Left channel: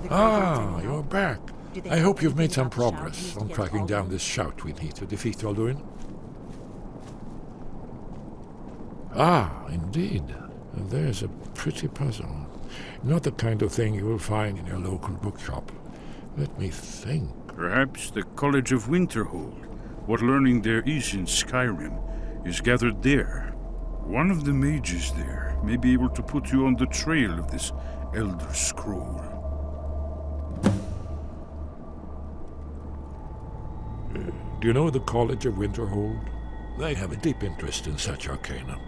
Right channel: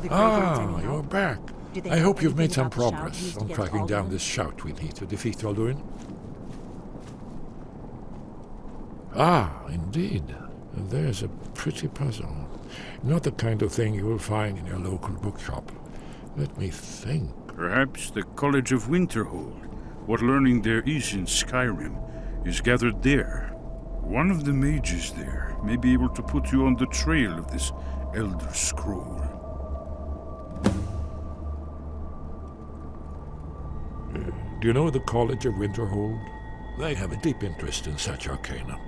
Were the Greybeards any help? You're back. Did they I know hope you've made anything some about the shout progress used on against tracking down Alduin? this shout we need to defeat Alduin. Indeed. There's a pretty puzzle. Not the kind of thing you will find in your local bookshop. Let me think. Perhaps the College of Winterhold, what learning there is in Skyrim, is gathered there. One of the mages there may be able to put you on the trail of this Elder Scroll. Do you know the College of Winterhold? They have a deep interest in such arcana.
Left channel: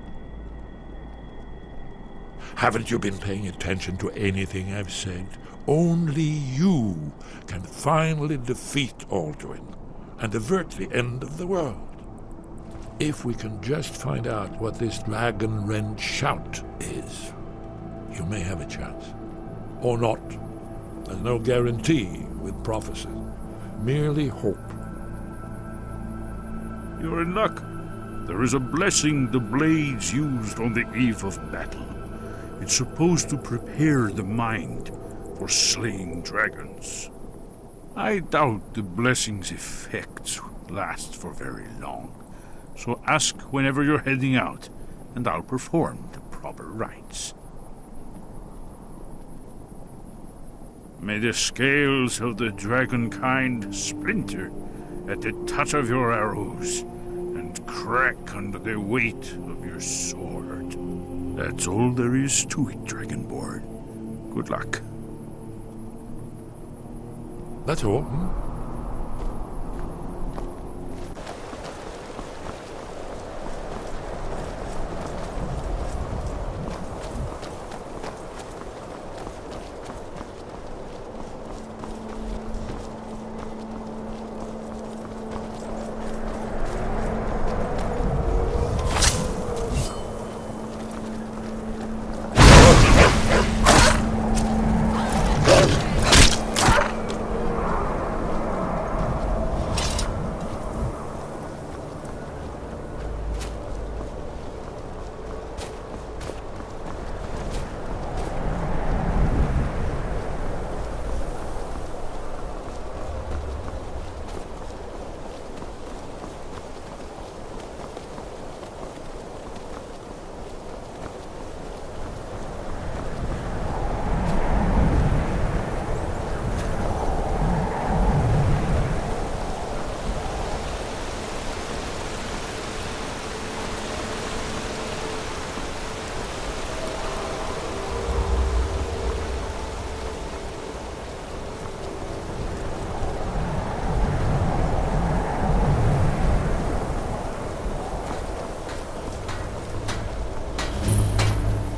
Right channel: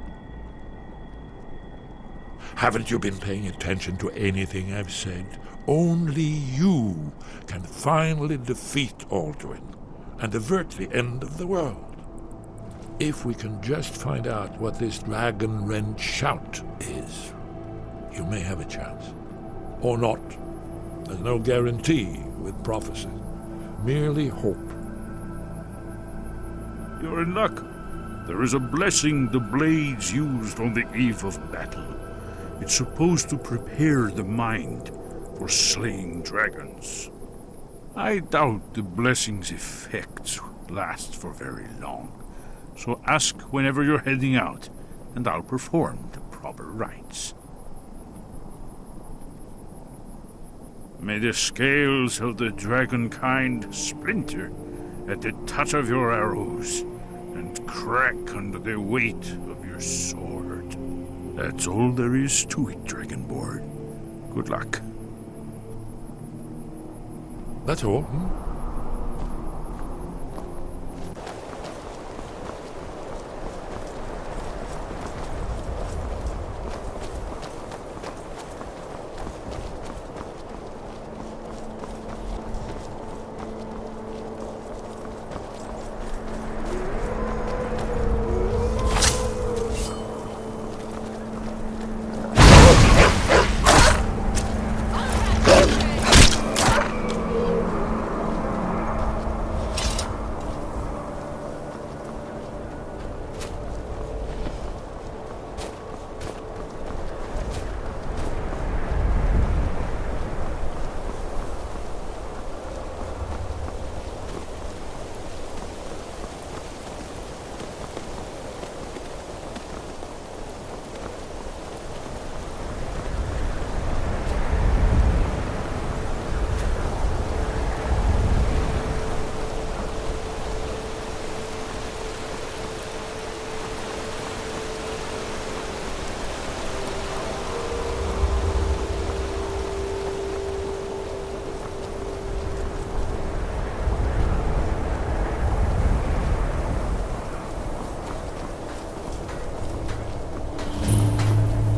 Haven't you been paying attention to anything I've said? Only you can finally defeat Alduin and avert the end of the world. If we can just find out what this dragon-rend shout is, you may have a chance. Or not. There's no guarantee with prophecy. Merely hope. You're in luck. There is a blessing the blades used on the eve of battle. It's supposed to prepare the mind for slaying dragons. I doubt the blessing's effects last for very long. So ask whenever you're heading out, and I'll perform the proper rites. May the scales of the dragonkind splinter at the touch of your arrows, and crack under the weight of your sword. That's all there is to it, Dragonborn. Good luck. That's all,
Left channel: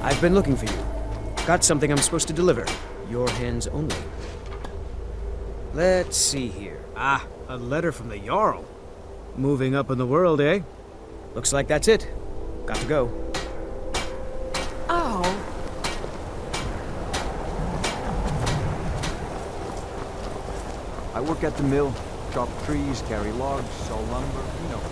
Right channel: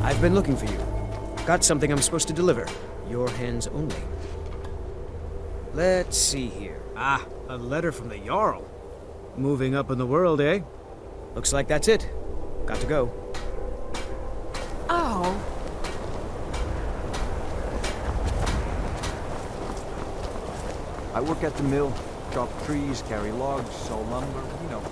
I've been looking for you. Got something I'm supposed to deliver. Your hands only. Let's see here. A letter from the Jarl. Moving up in the world, eh? Looks like that's it. Got to go. Oh. I work at the mill. Chop trees, carry logs, saw lumber, you know.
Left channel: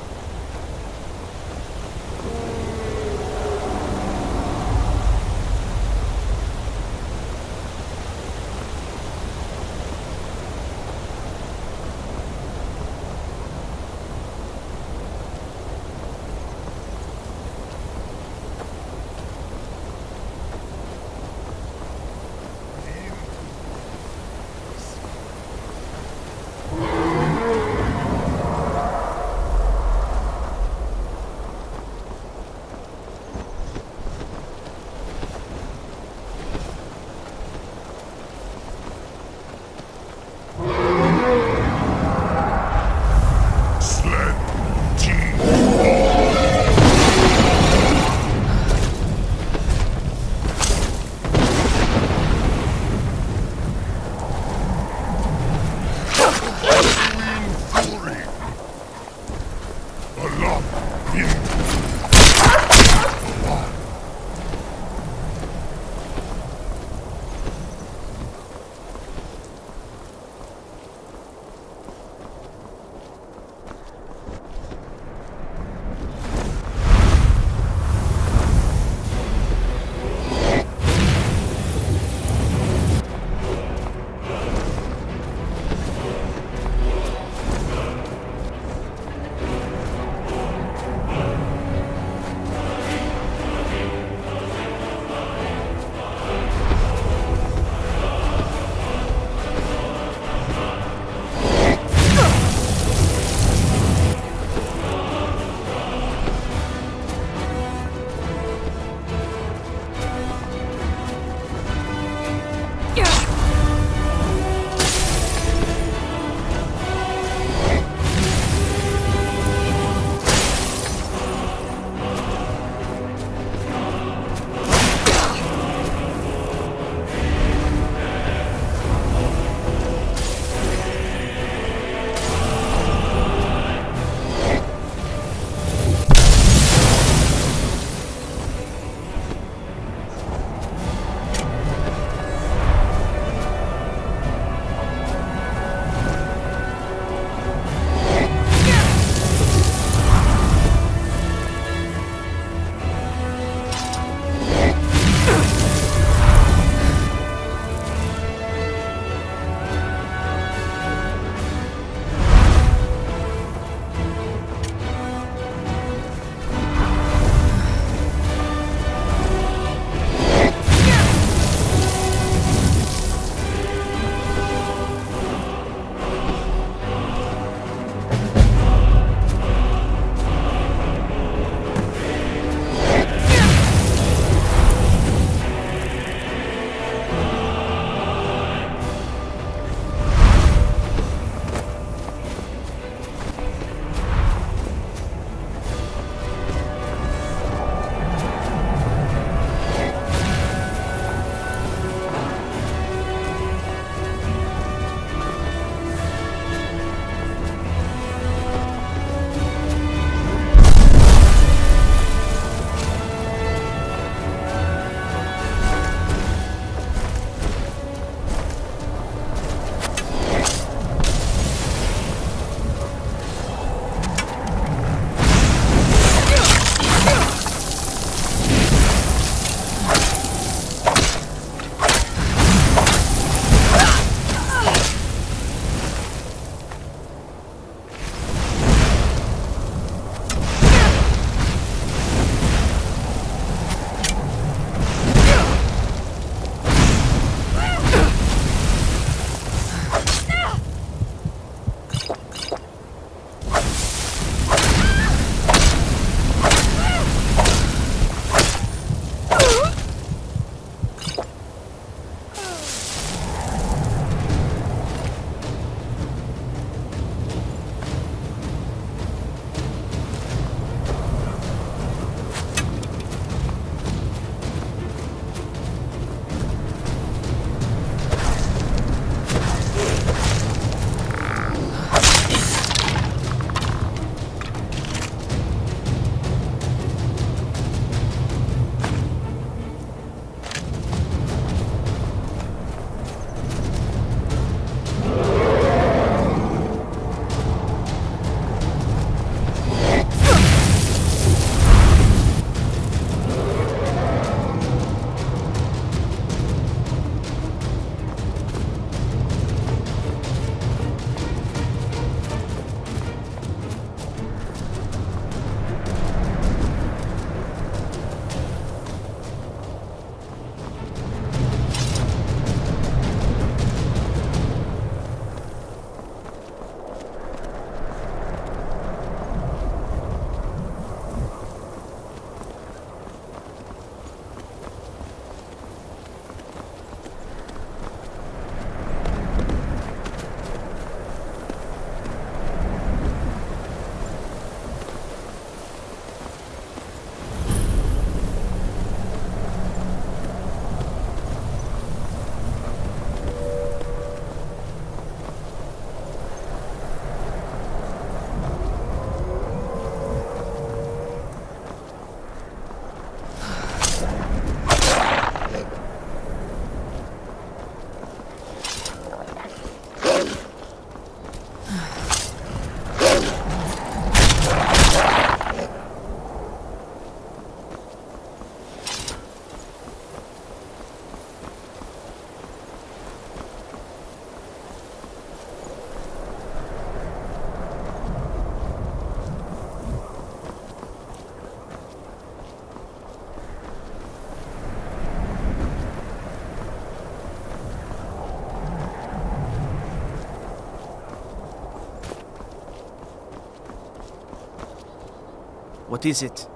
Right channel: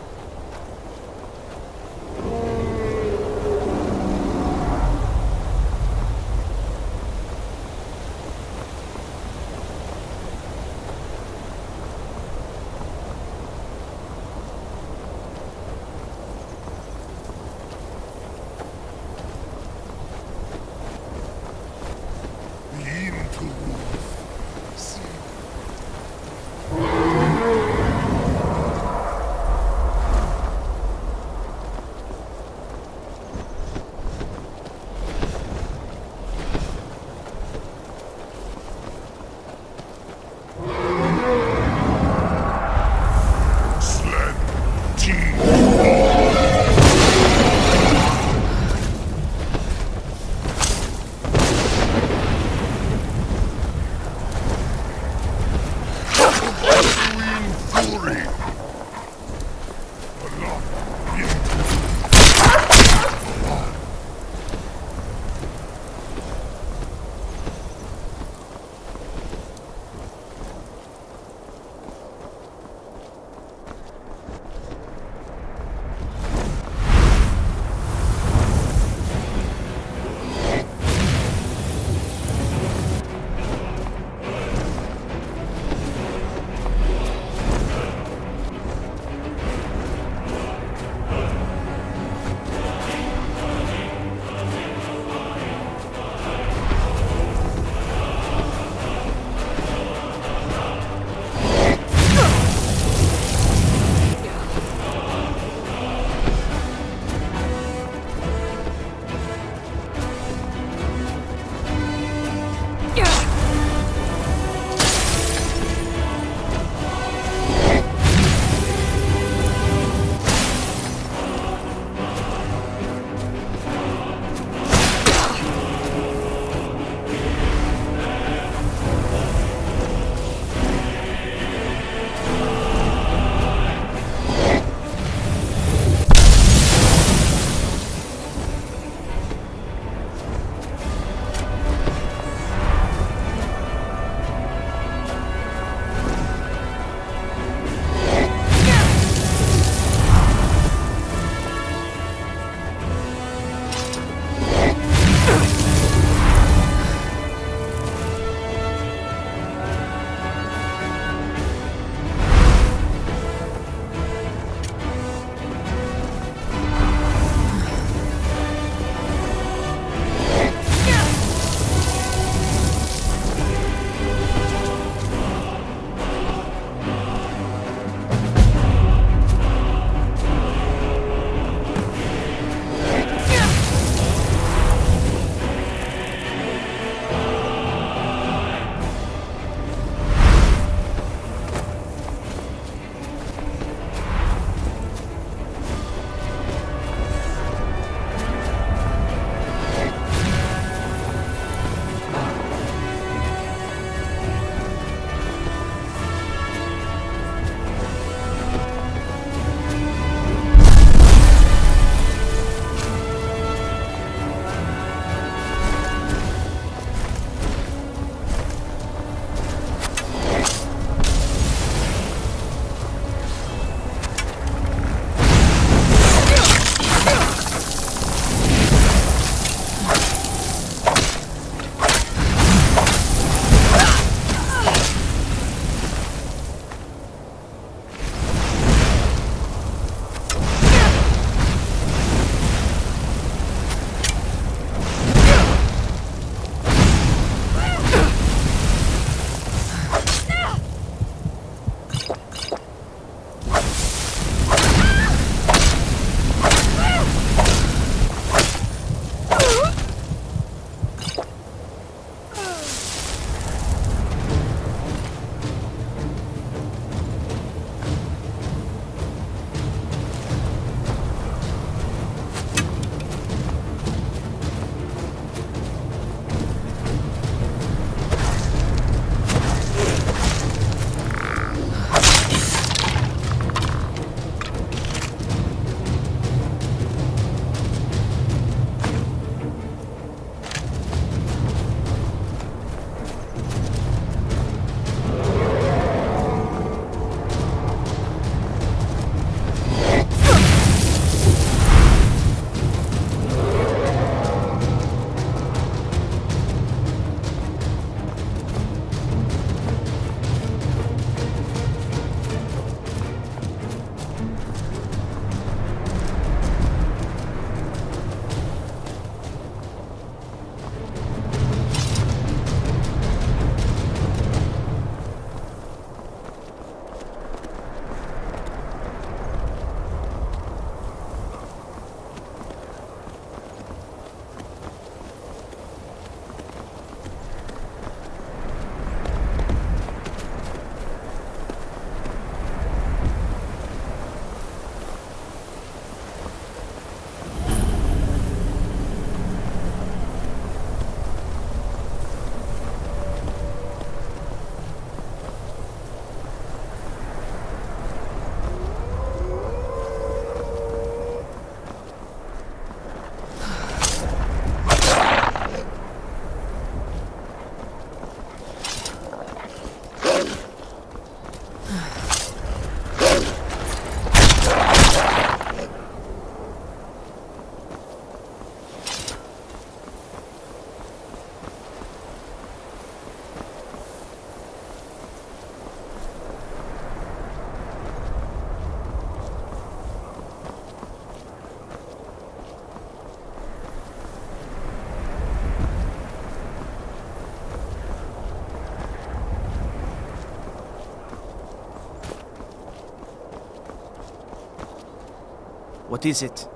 What is it?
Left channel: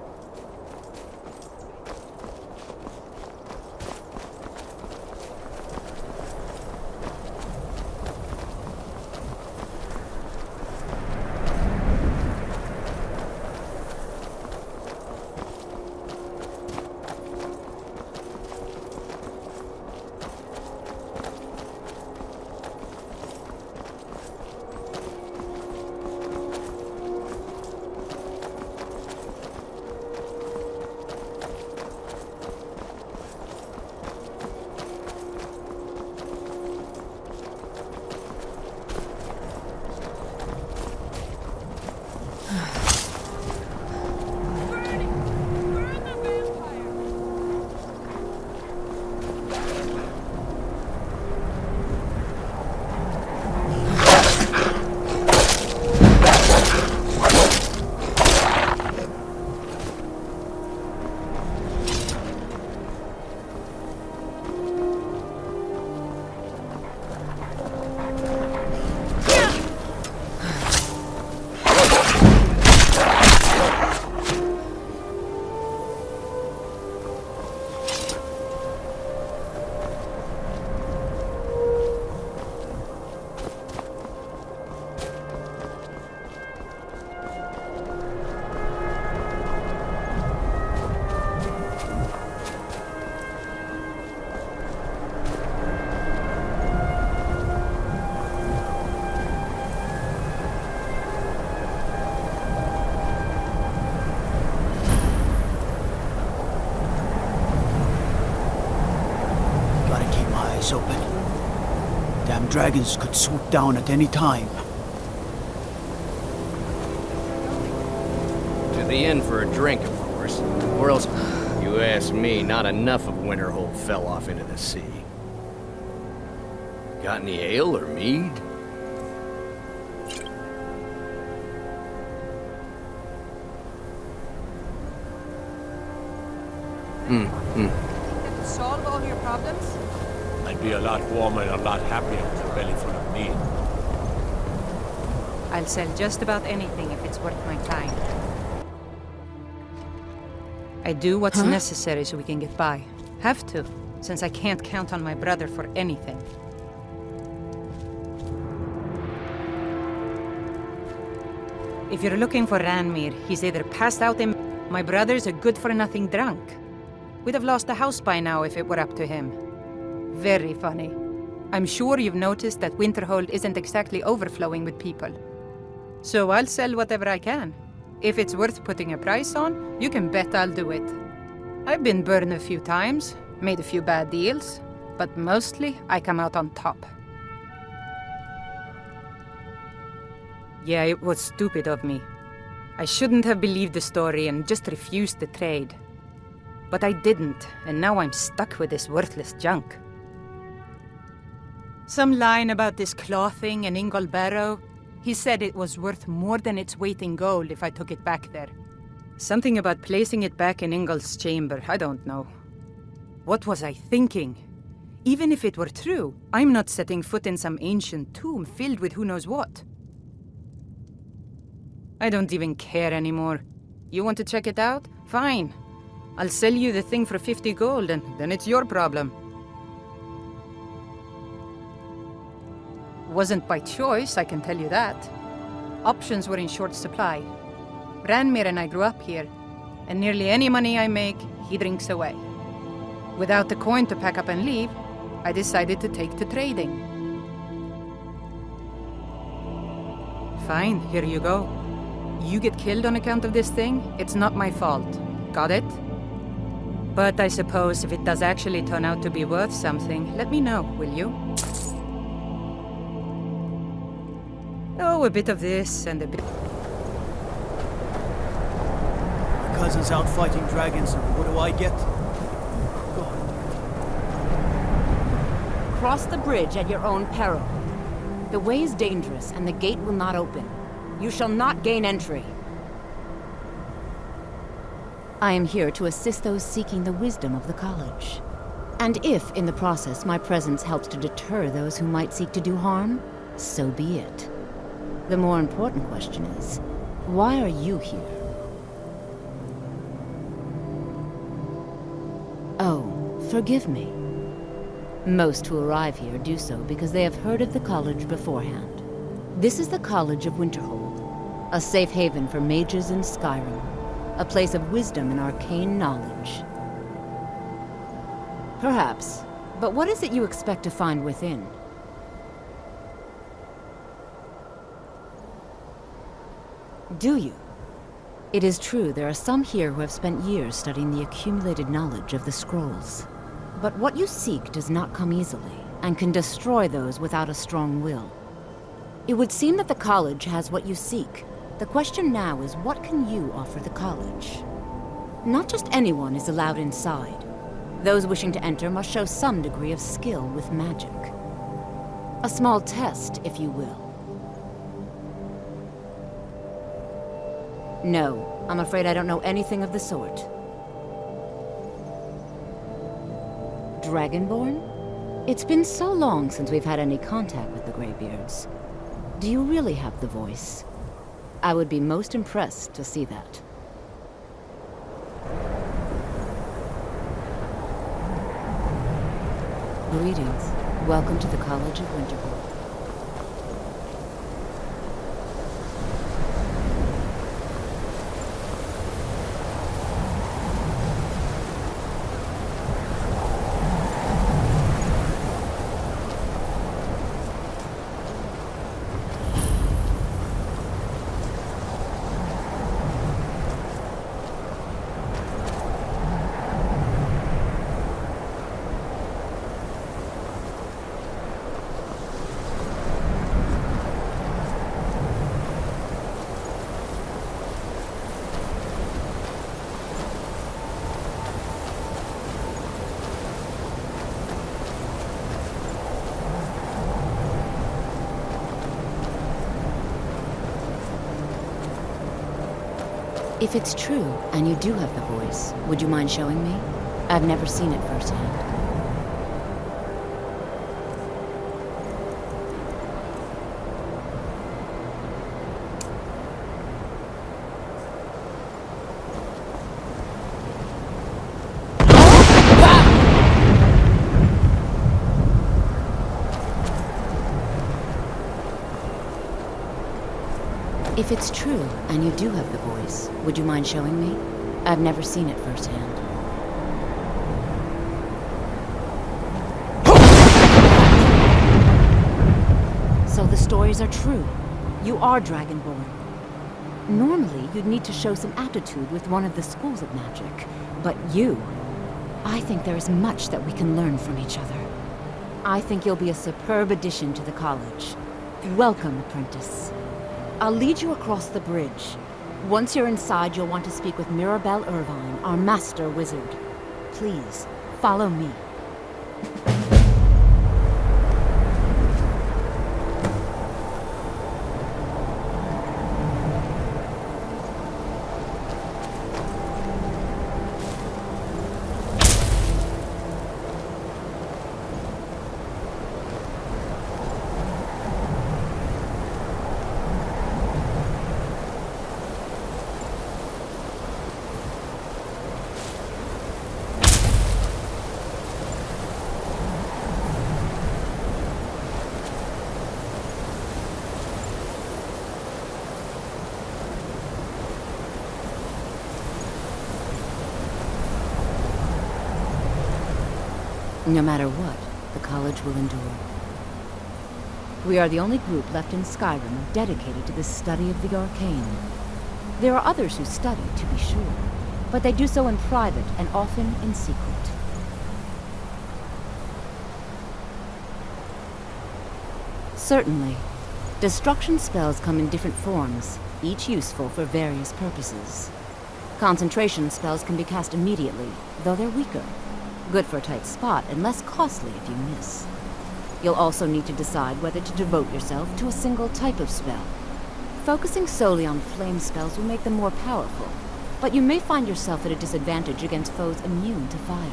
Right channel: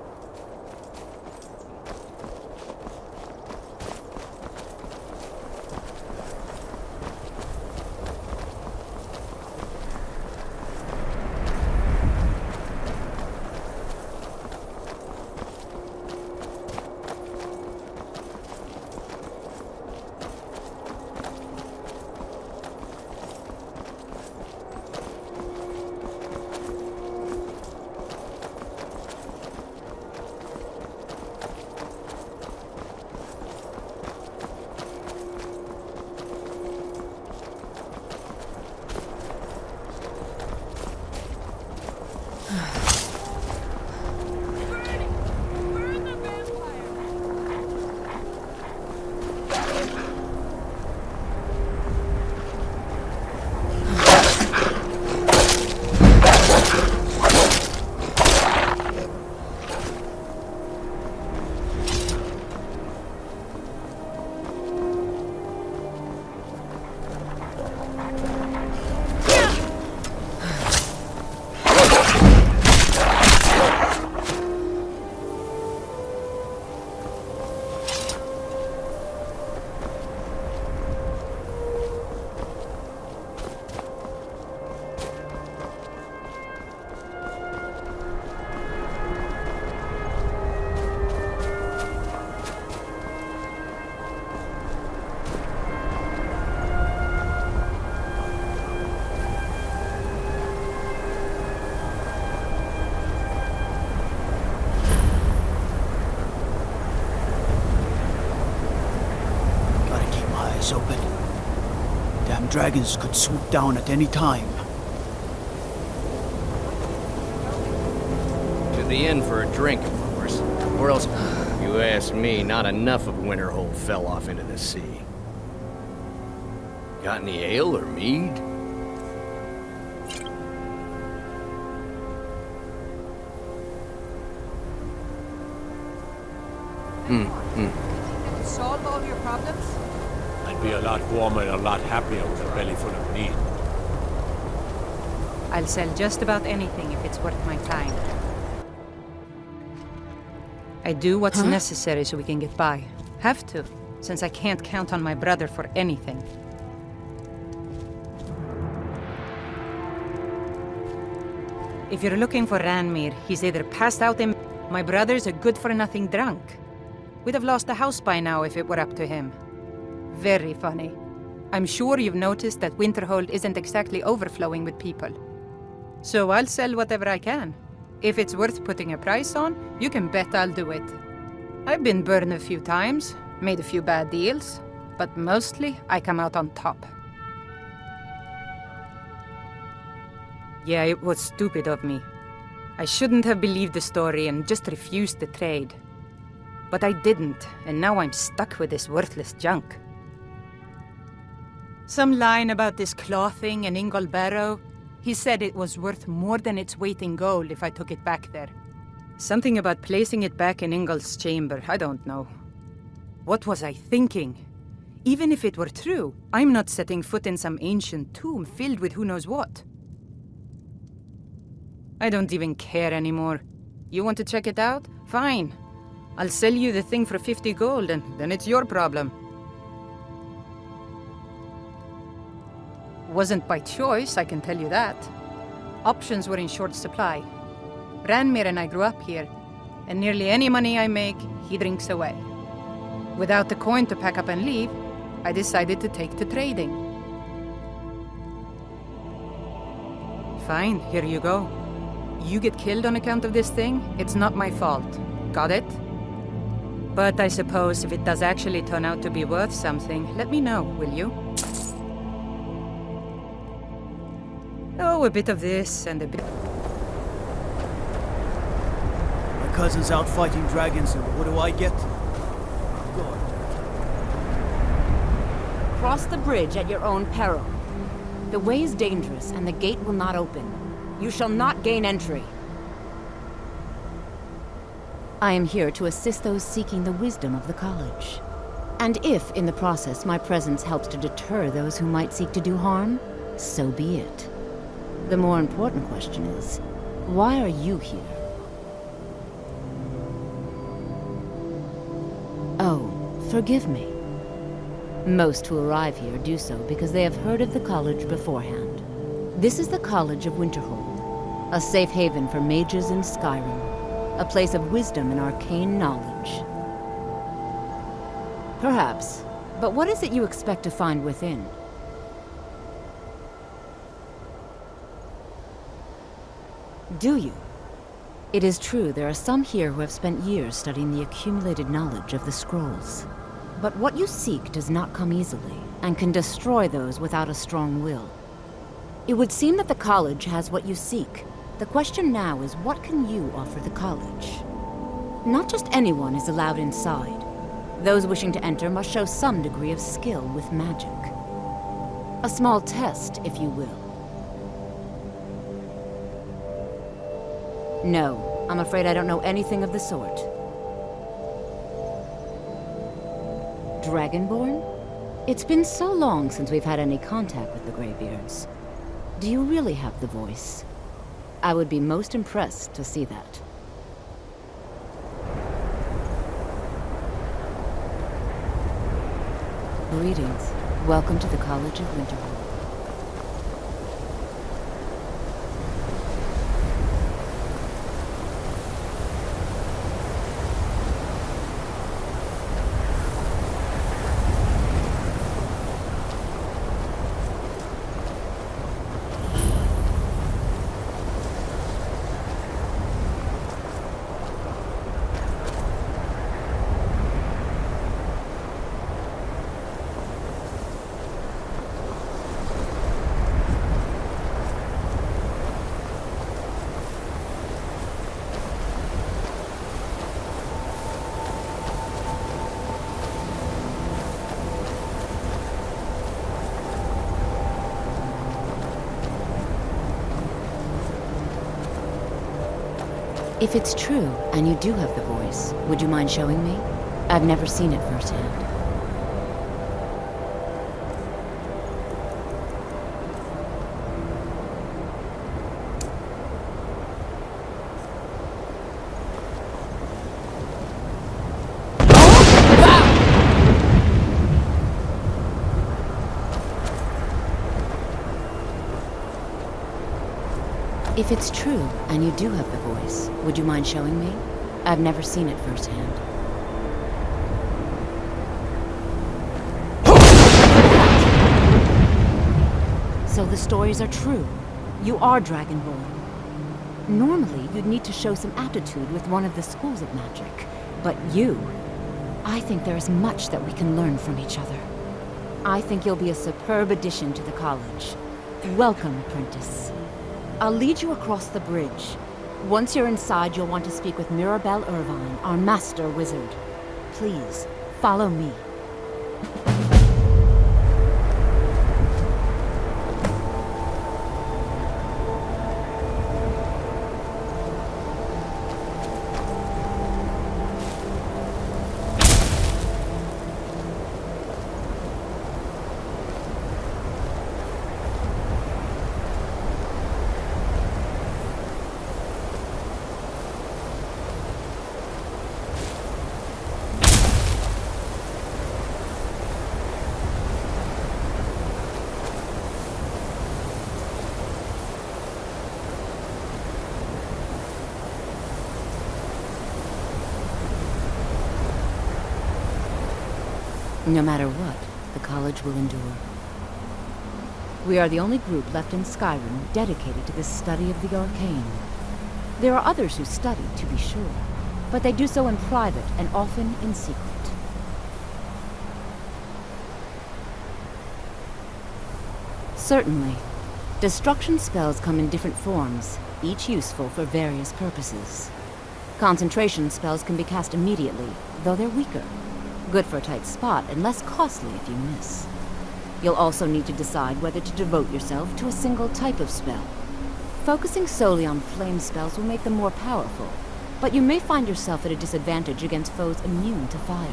Open. Damn dragons could swoop down at any time. To the inn for a drink, of course. Or else, you ask me, not enough of Winterhold fell off into the sea. Got any ale or mead? That will solve all your problems? I'd be a lot warmer and a lot happier with a belly full of meat. I'll sell just about anything if it's worth my time. I do what's necessary so we can get by. Have to, since I can't count on my brother for anything. If you're looking for Ranmir, he's either passed out in... My brother's a good-for-nothing drunk. We'd have lost the house by now if it were up to him. Very funny. I'm sure you've noticed that Winterhold isn't exactly overflowing with people. So I'll sell whatever I can. If it's worth putting a price on, you can bet I'll do it. I've been burned a few times, made a few bad deals, but mostly I come out on top. Yeah, it was stupid of me. I shouldn't have believed the story and just refused the trade. But I didn't, and now I'm stuck with this worthless junk. Some line about this clothing and Ingol Barrow. He said it was worth more than its weight in gold if I took it back there. Something about placing it back in Ingol's chamber, I don't know. What was I thinking? Even if it were true, I'm not setting foot in some ancient tomb filled with who knows what. I don't even care anymore. You want to check it out? Fine. I'll sell you the thing for 50 gold, and then it's your problem. Wasn't by choice, I can tell you that. Options were in short supply. Ranmir and I grew up here, and nearly any money I make, he drinks away. Without the coin to pack up and leave, I decided to take to trading. Fine, here you go. You get killed on account of this thing, it's not my fault. Got it? But I suppose if it does actually turn out to be worth something, let me know, will you? Oh, a bit of this and a bit... My cousin's out fighting dragons, and what do I get? God. Cross the bridge at your own peril. The way is dangerous, and the gate will not open. You shall not gain entry. I am here to assist those seeking the wisdom of the college. And if, in the process, my presence helps to deter those who might seek to do harm, so be it. The more important question is, why are you here? Oh, forgive me. Most who arrive here do so because they have heard of the college beforehand. This is the College of Winterhold, a safe haven for mages in Skyrim, a place of wisdom and arcane knowledge. Perhaps, but what is it you expect to find within? Do you? It is true there are some here who have spent years studying the accumulated knowledge of the scrolls. But what you seek does not come easily, and can destroy those without a strong will. It would seem that the college has what you seek. The question now is, what can you offer the college? Not just anyone is allowed inside. Those wishing to enter must show some degree of skill with magic. A small test, if you will. No, I'm afraid I don't know anything of the sort. Dragonborn? It's been so long since we've had any contact with the Greybeards. Do you really have the voice? I would be most impressed to see that. Greetings. Welcome to the College of Winterhold. If it's true, and you do have the voice, would you mind showing me? I've never seen it firsthand. If it's true, and you do have the voice, would you mind showing me? I've never seen it firsthand. So the stories are true. You are Dragonborn. Normally, you'd need to show some aptitude with one of the schools of magic. But you... I think there is much that we can learn from each other. I think you'll be a superb addition to the college. Welcome, apprentice. I'll lead you across the bridge. Once you're inside, you'll want to speak with Mirabelle Irvine, our master wizard. Please, follow me. No matter what, the college will endure. We are the only group left in Skyrim dedicated to the study of the arcane. There are others who study, to be sure, but they do so in private and often in secret. Certainly. Destruction spells come in different forms, each useful for various purposes. Concentration spells can be cast immediately, though they're weaker. Good for a tight spot, and less costly if you miss. You'll also need to decide whether to devote yourself to a single type of spell. Focusing solely on flame spells will make them more powerful, but you may find yourself at a disadvantage against foes immune to fire.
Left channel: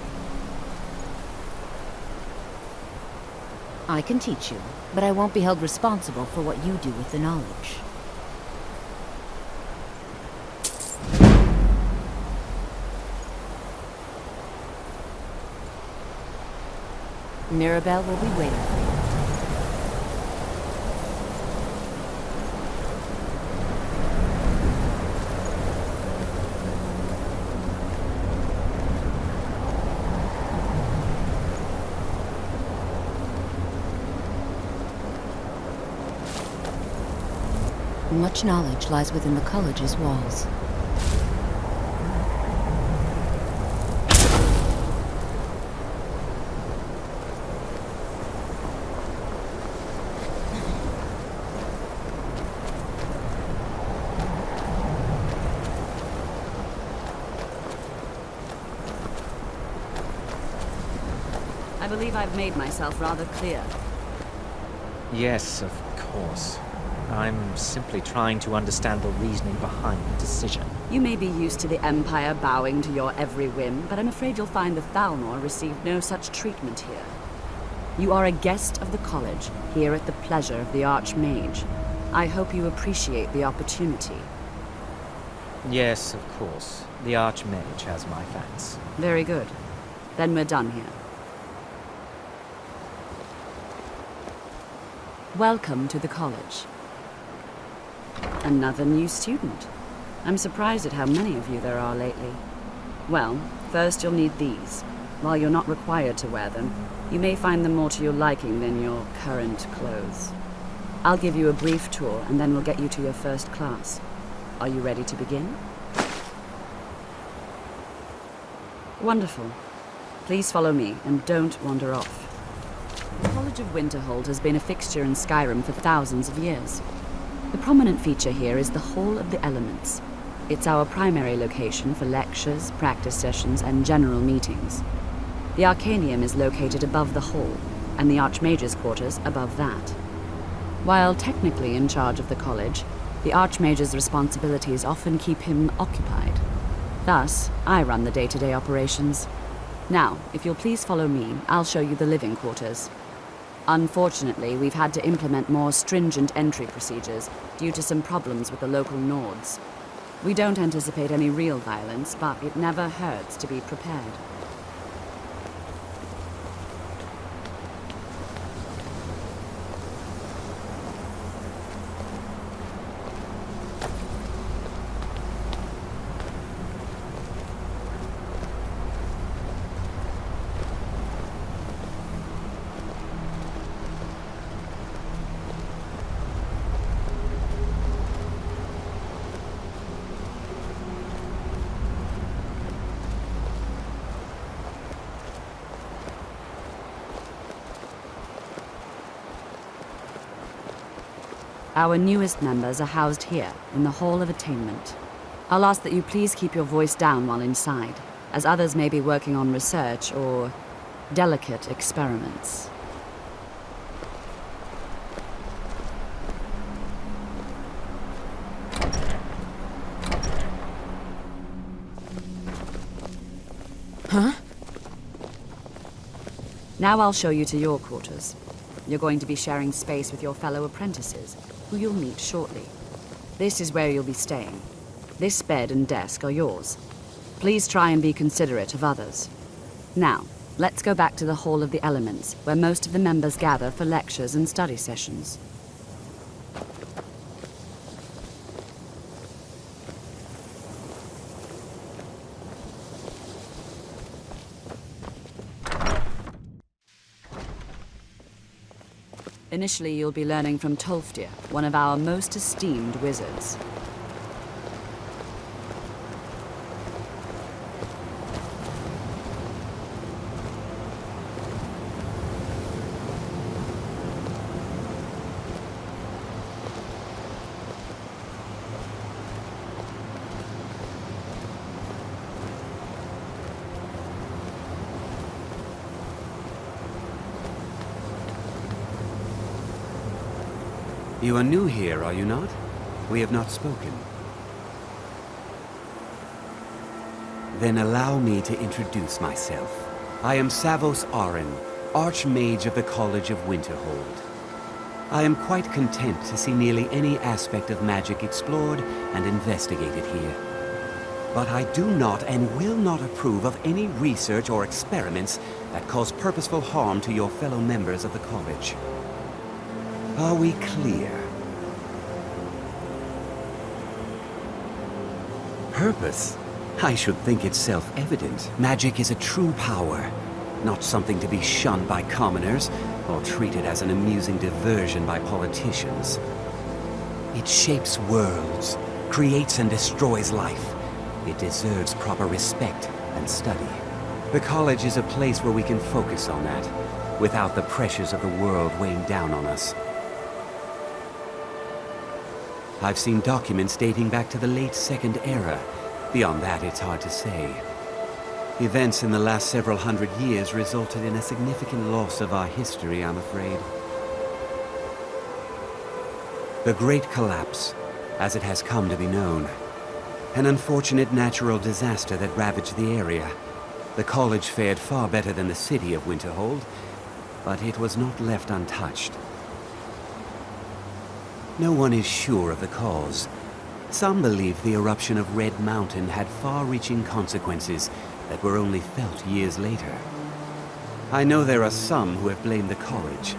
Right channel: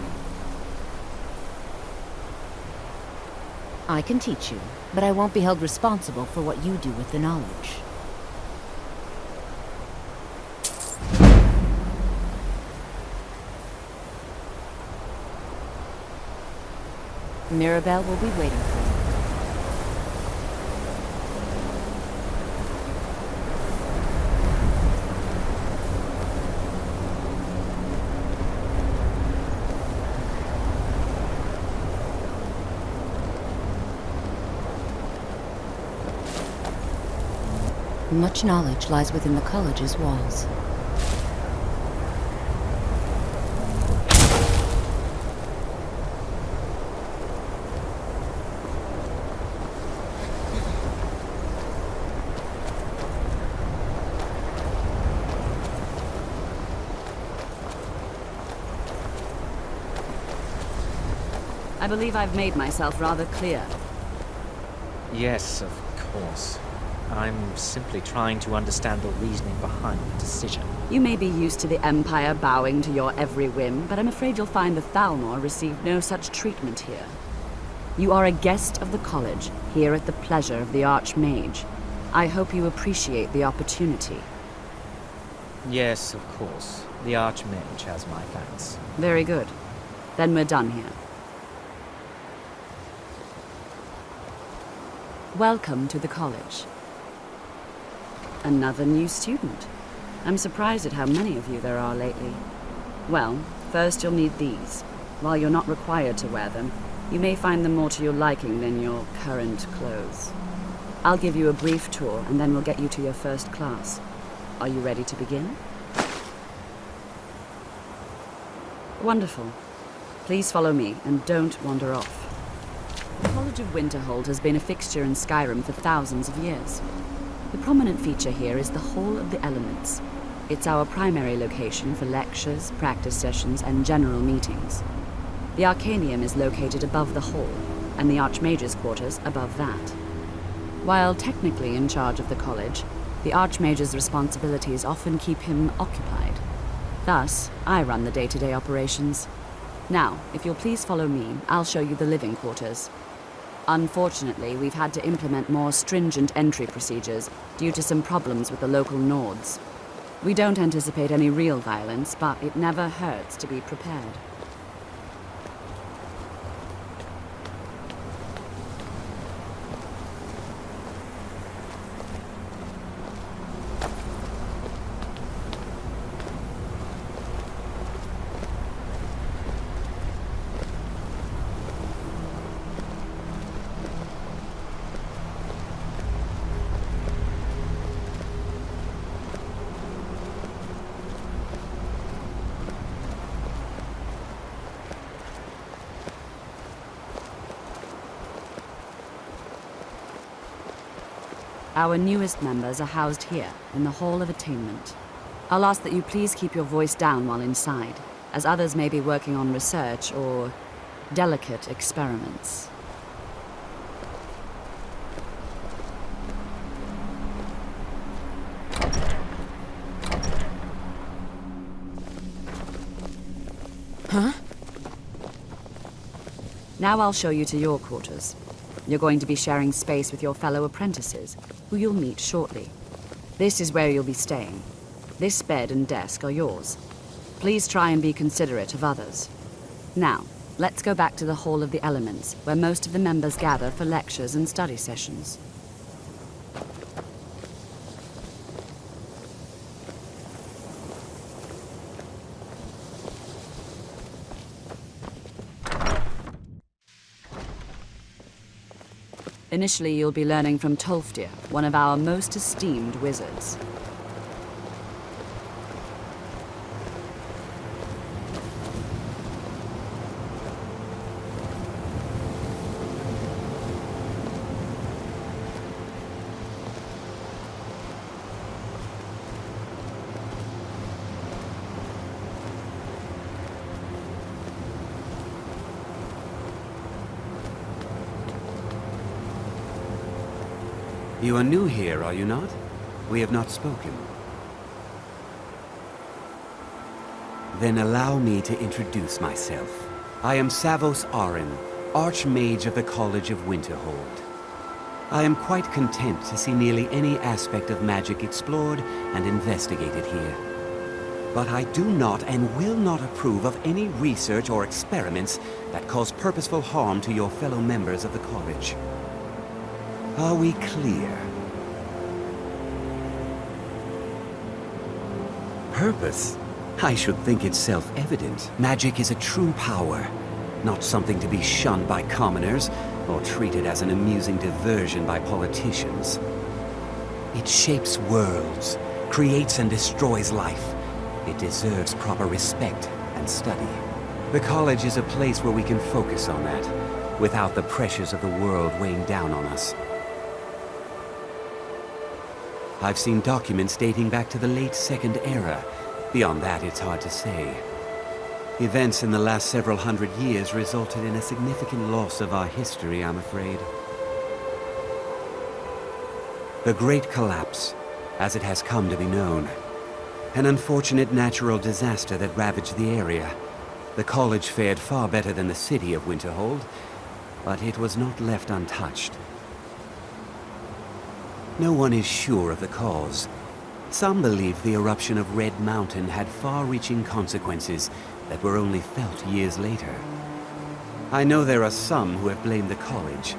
I can teach you, but I won't be held responsible for what you do with the knowledge. Mirabelle will be waiting for you. Much knowledge lies within the college's walls. I believe I've made myself rather clear. Yes, of course. I'm simply trying to understand the reasoning behind the decision. You may be used to the Empire bowing to your every whim, but I'm afraid you'll find the Thalmor received no such treatment here. You are a guest of the college, here at the pleasure of the Archmage. I hope you appreciate the opportunity. Yes, of course. The Archmage has my thanks. Very good. Then we're done here. Welcome to the college. Another new student. I'm surprised at how many of you there are lately. Well, first you'll need these. While you're not required to wear them, you may find them more to your liking than your current clothes. I'll give you a brief tour, and then we'll get you to your first class. Are you ready to begin? Wonderful. Please follow me, and don't wander off. The College of Winterhold has been a fixture in Skyrim for thousands of years. The prominent feature here is the Hall of the Elements. It's our primary location for lectures, practice sessions, and general meetings. The Arcanium is located above the hall, and the Archmage's quarters above that. While technically in charge of the college, the Archmage's responsibilities often keep him occupied. Thus, I run the day-to-day operations. Now, if you'll please follow me, I'll show you the living quarters. Unfortunately, we've had to implement more stringent entry procedures due to some problems with the local Nords. We don't anticipate any real violence, but it never hurts to be prepared. Our newest members are housed here, in the Hall of Attainment. I'll ask that you please keep your voice down while inside, as others may be working on research or delicate experiments. Huh? Now I'll show you to your quarters. You're going to be sharing space with your fellow apprentices, who you'll meet shortly. This is where you'll be staying. This bed and desk are yours. Please try and be considerate of others. Now, let's go back to the Hall of the Elements, where most of the members gather for lectures and study sessions. Initially, you'll be learning from Tolfdir, one of our most esteemed wizards. You are new here, are you not? We have not spoken. Then allow me to introduce myself. I am Savos Arin, Archmage of the College of Winterhold. I am quite content to see nearly any aspect of magic explored and investigated here. But I do not and will not approve of any research or experiments that cause purposeful harm to your fellow members of the college. Are we clear? Purpose? I should think it's self-evident. Magic is a true power, not something to be shunned by commoners or treated as an amusing diversion by politicians. It shapes worlds, creates and destroys life. It deserves proper respect and study. The college is a place where we can focus on that, without the pressures of the world weighing down on us. I've seen documents dating back to the late Second Era. Beyond that, it's hard to say. Events in the last several hundred years resulted in a significant loss of our history, I'm afraid. The Great Collapse, as it has come to be known. An unfortunate natural disaster that ravaged the area. The college fared far better than the city of Winterhold, but it was not left untouched. No one is sure of the cause. Some believe the eruption of Red Mountain had far-reaching consequences that were only felt years later. I know there are some who have blamed the college,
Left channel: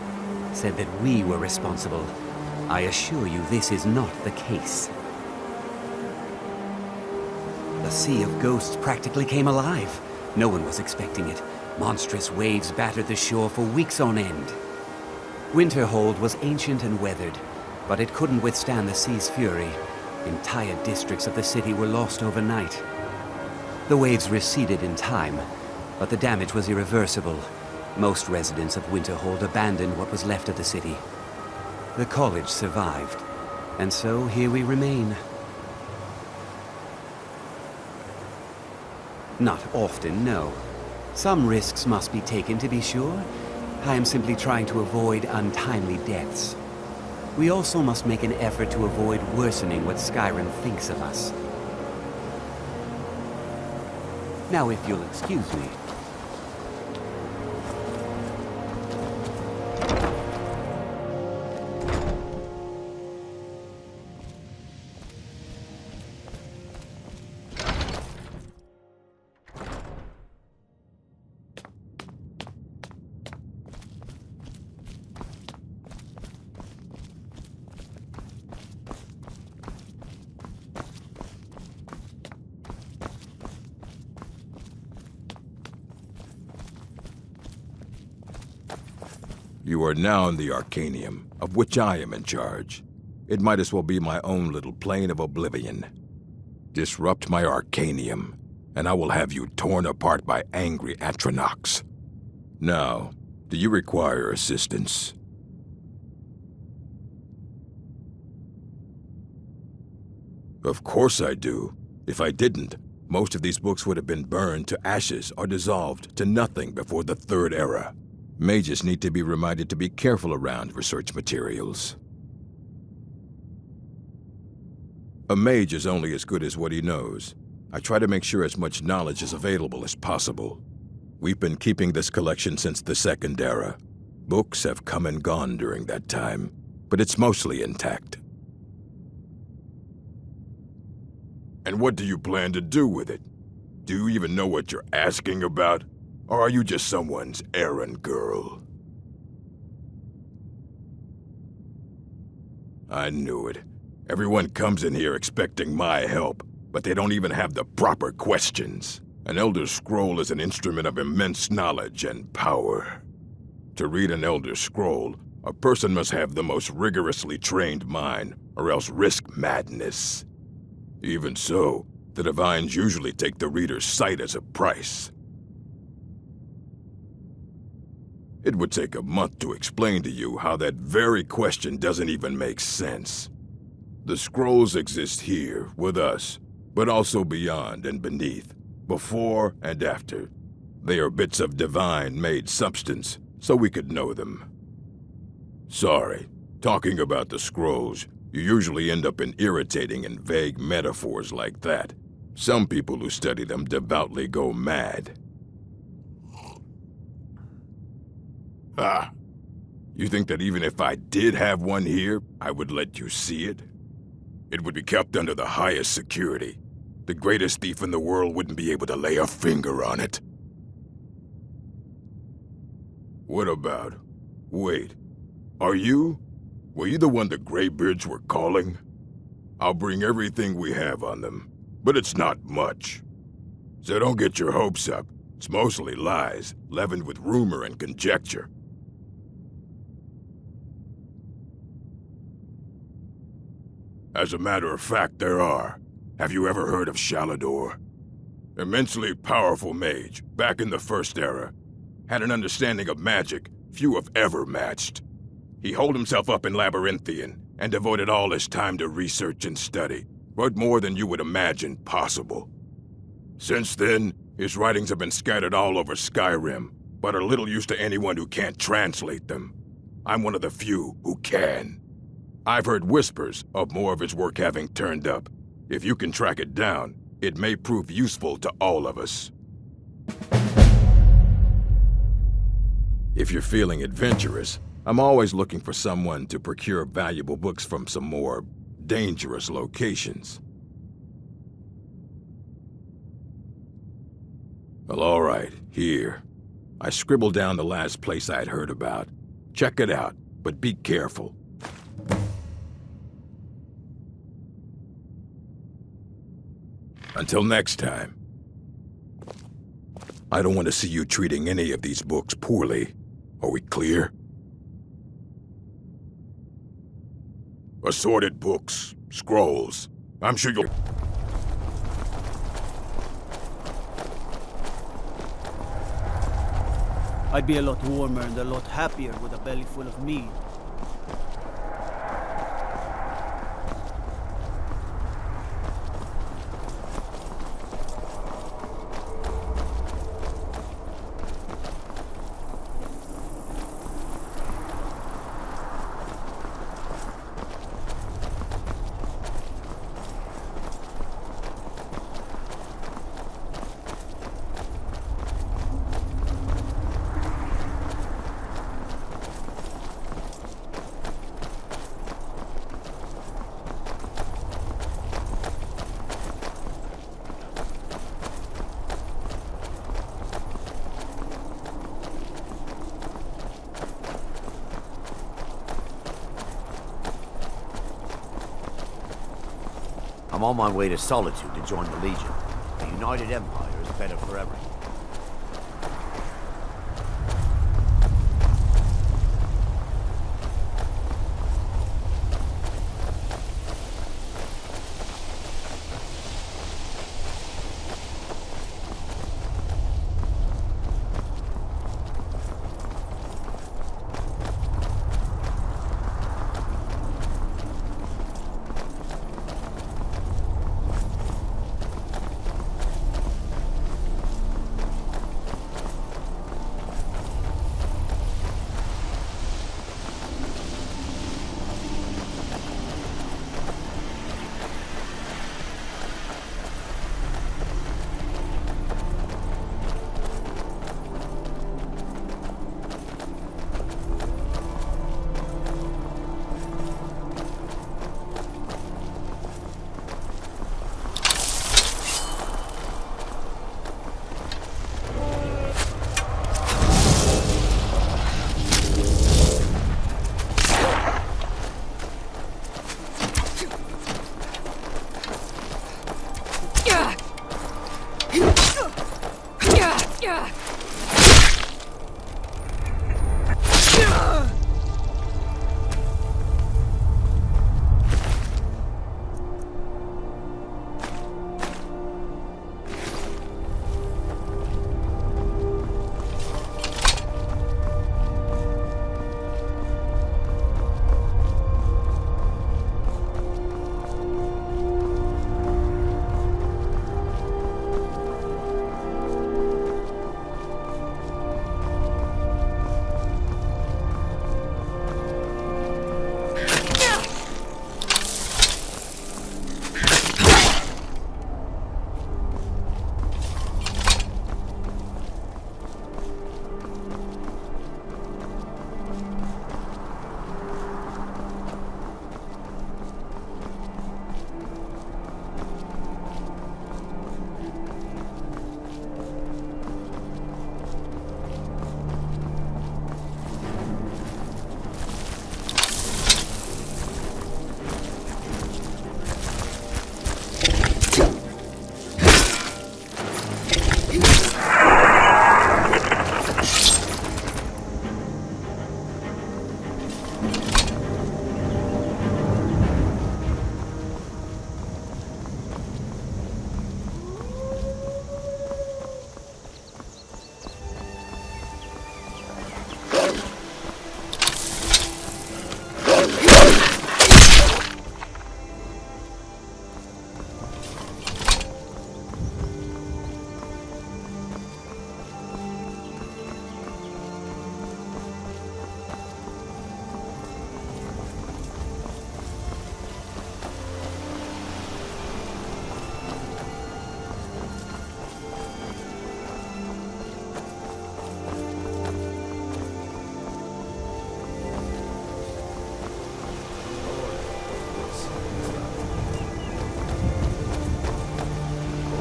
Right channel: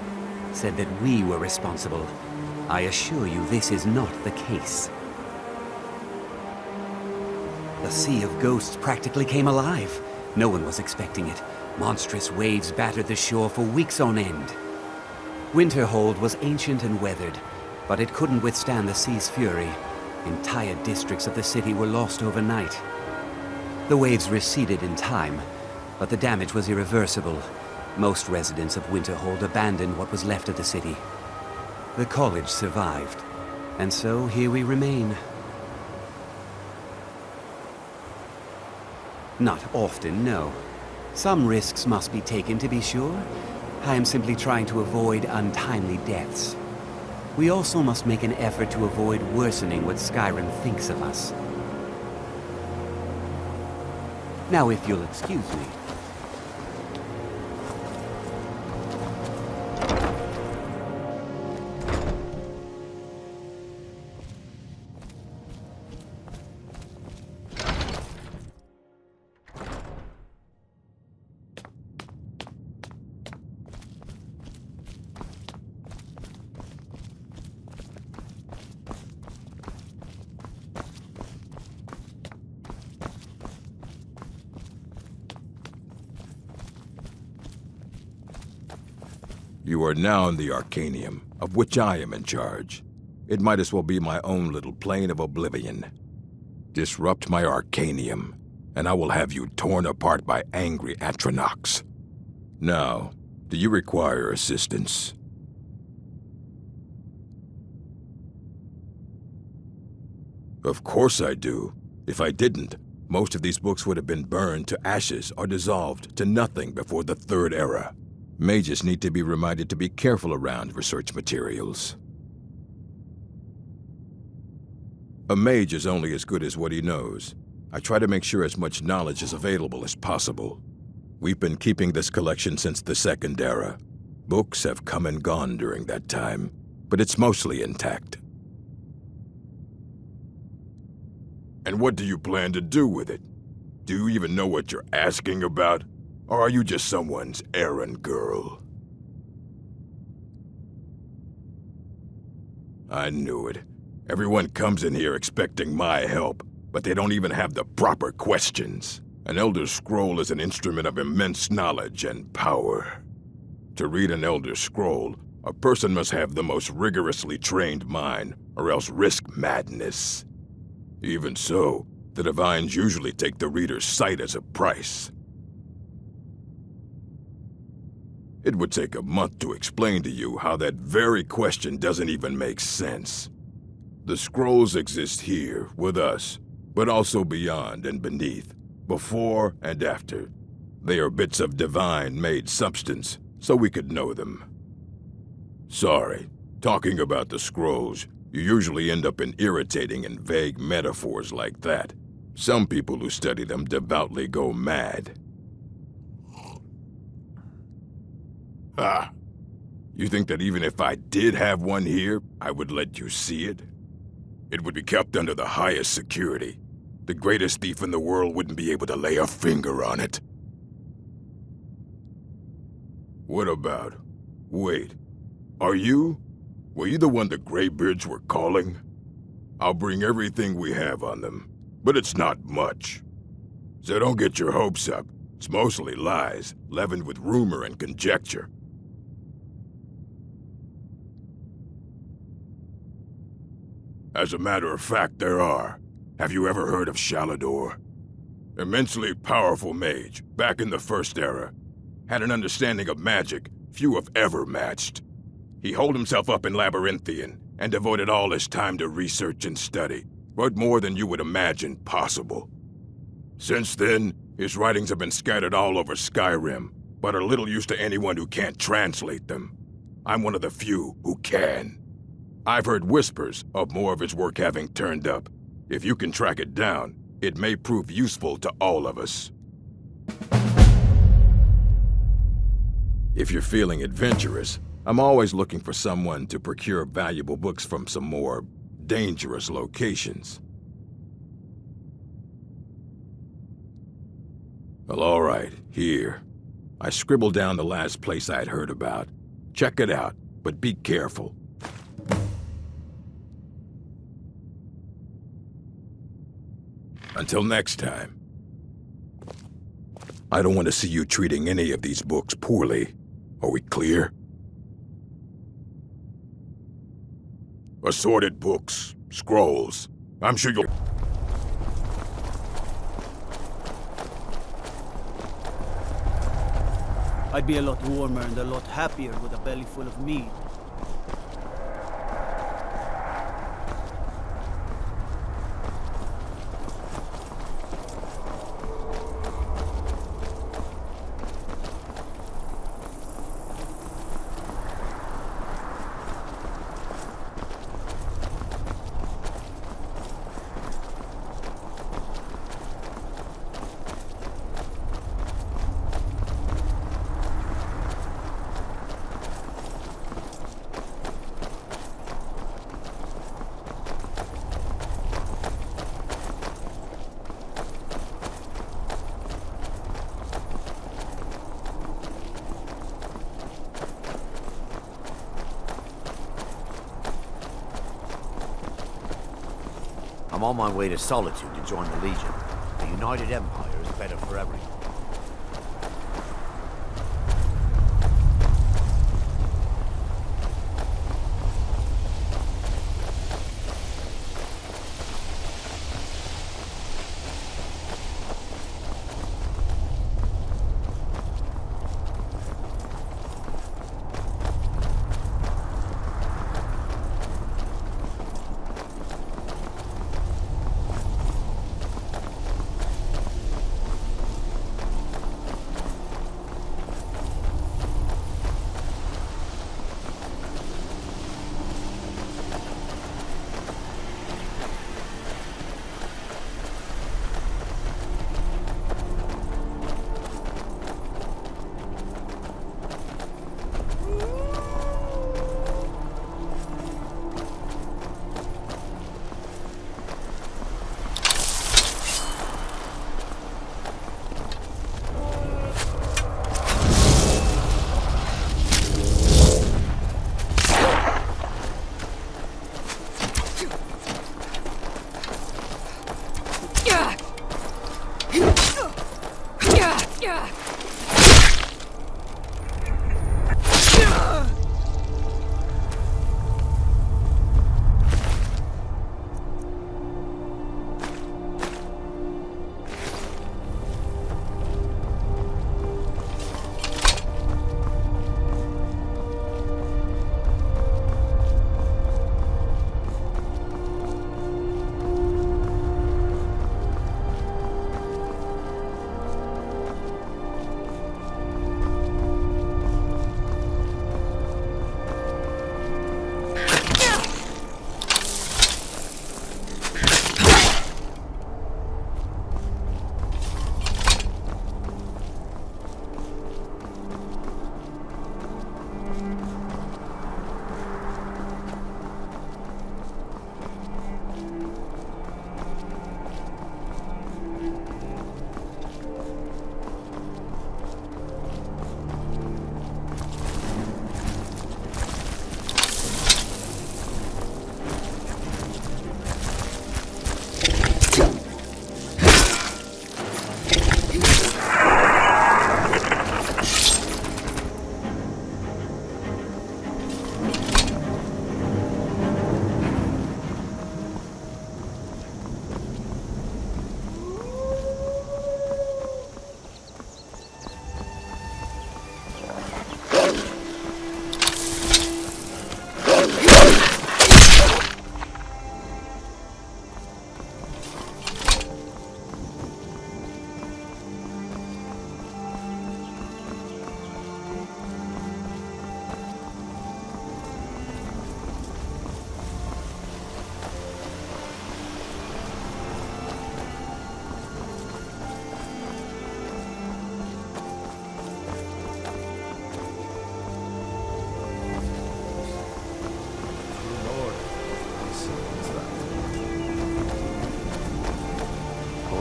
said that we were responsible. I assure you this is not the case. The Sea of Ghosts practically came alive. No one was expecting it. Monstrous waves battered the shore for weeks on end. Winterhold was ancient and weathered, but it couldn't withstand the sea's fury. Entire districts of the city were lost overnight. The waves receded in time, but the damage was irreversible. Most residents of Winterhold abandoned what was left of the city. The college survived, and so here we remain. Not often, no. Some risks must be taken, to be sure. I am simply trying to avoid untimely deaths. We also must make an effort to avoid worsening what Skyrim thinks of us. Now, if you'll excuse me. You are now in the Arcanium, of which I am in charge. It might as well be my own little plane of Oblivion. Disrupt my Arcanium, and I will have you torn apart by angry Atronachs. Now, do you require assistance? Of course I do. If I didn't, most of these books would have been burned to ashes or dissolved to nothing before the Third Era. Mages need to be reminded to be careful around research materials. A mage is only as good as what he knows. I try to make sure as much knowledge is available as possible. We've been keeping this collection since the Second Era. Books have come and gone during that time, but it's mostly intact. And what do you plan to do with it? Do you even know what you're asking about? Or are you just someone's errand girl? I knew it. Everyone comes in here expecting my help, but they don't even have the proper questions. An Elder Scroll is an instrument of immense knowledge and power. To read an Elder Scroll, a person must have the most rigorously trained mind, or else risk madness. Even so, the Divines usually take the reader's sight as a price. It would take a month to explain to you how that very question doesn't even make sense. The scrolls exist here, with us, but also beyond and beneath, before and after. They are bits of divine-made substance, so we could know them. Sorry, talking about the scrolls, you usually end up in irritating and vague metaphors like that. Some people who study them devoutly go mad. Ah, you think that even if I did have one here, I would let you see it? It would be kept under the highest security. The greatest thief in the world wouldn't be able to lay a finger on it. What about... Wait. Were you the one the Greybeards were calling? I'll bring everything we have on them, but it's not much. So don't get your hopes up. It's mostly lies, leavened with rumor and conjecture. As a matter of fact, there are. Have you ever heard of Shalador? Immensely powerful mage, back in the First Era. Had an understanding of magic few have ever matched. He holed himself up in Labyrinthian and devoted all his time to research and study, but more than you would imagine possible. Since then, his writings have been scattered all over Skyrim, but are little use to anyone who can't translate them. I'm one of the few who can. I've heard whispers of more of his work having turned up. If you can track it down, it may prove useful to all of us. If you're feeling adventurous, I'm always looking for someone to procure valuable books from some more dangerous locations. Well, all right, here. I scribbled down the last place I'd heard about. Check it out, but be careful. Until next time. I don't want to see you treating any of these books poorly. Are we clear? Assorted books, scrolls. I'm sure you'll... I'd be a lot warmer and a lot happier with a belly full of meat. I'm on my way to Solitude to join the Legion. A united empire is better for everyone.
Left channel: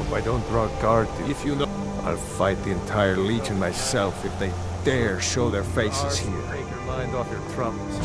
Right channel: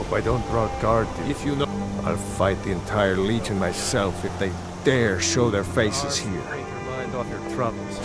Hope I don't draw guard to you. If you know, I'll fight the entire Legion myself if they dare show their faces here. Take your mind off your troubles.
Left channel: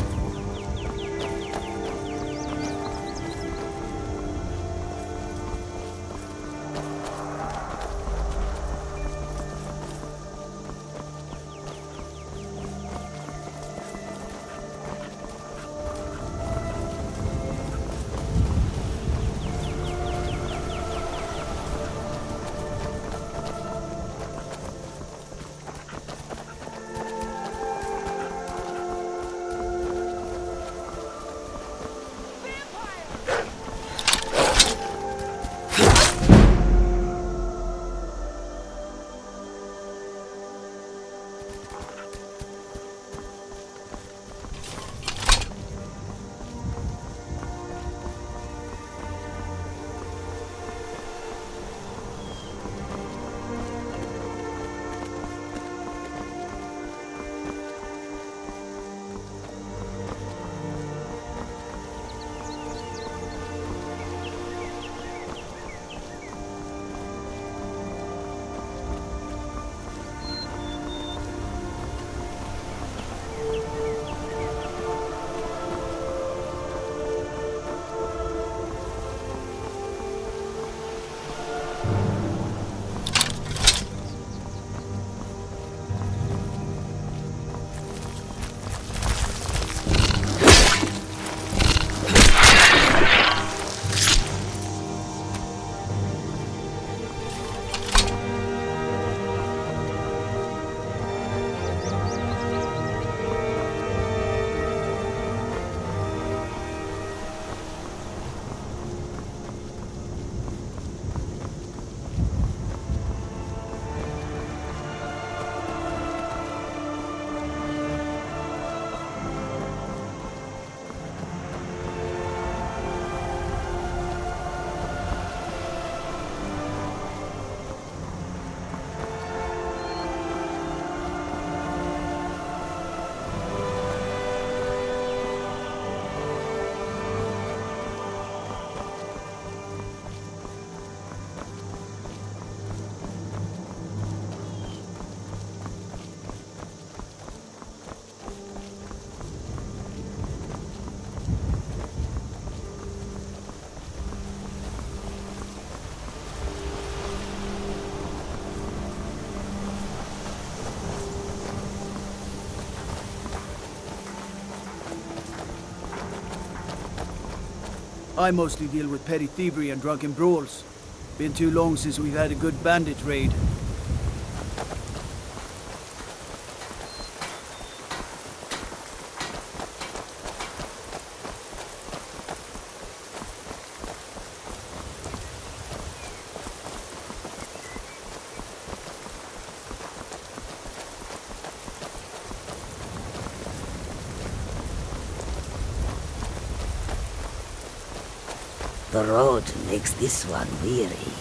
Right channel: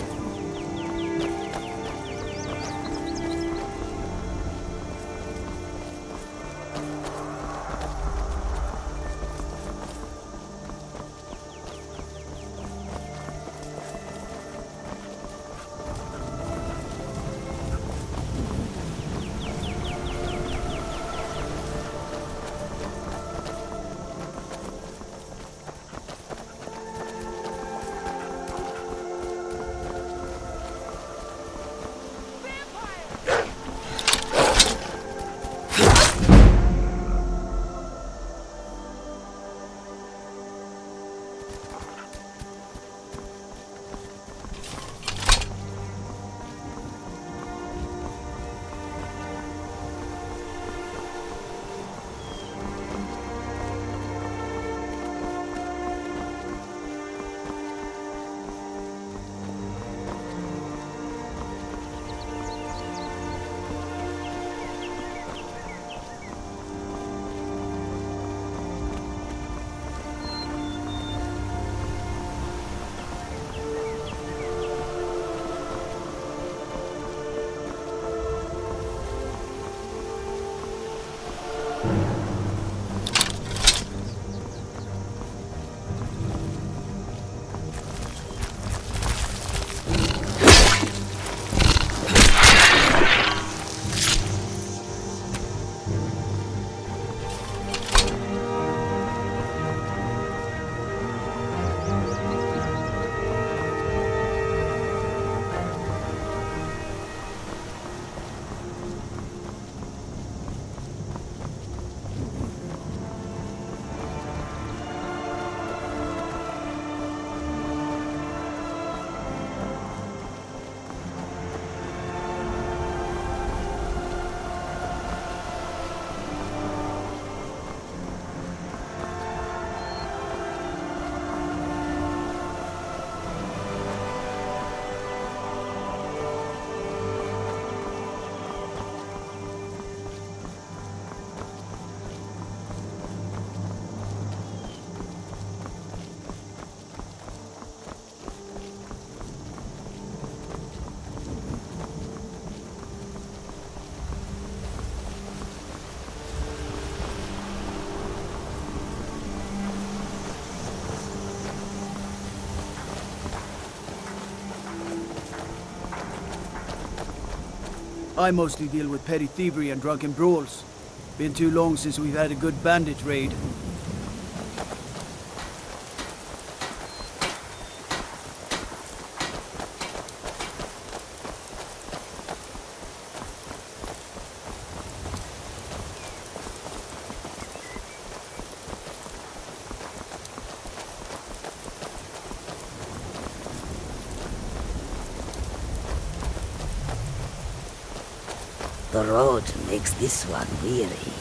I mostly deal with petty thievery and drunken brawls. Been too long since we've had a good bandit raid. The road makes this one weary.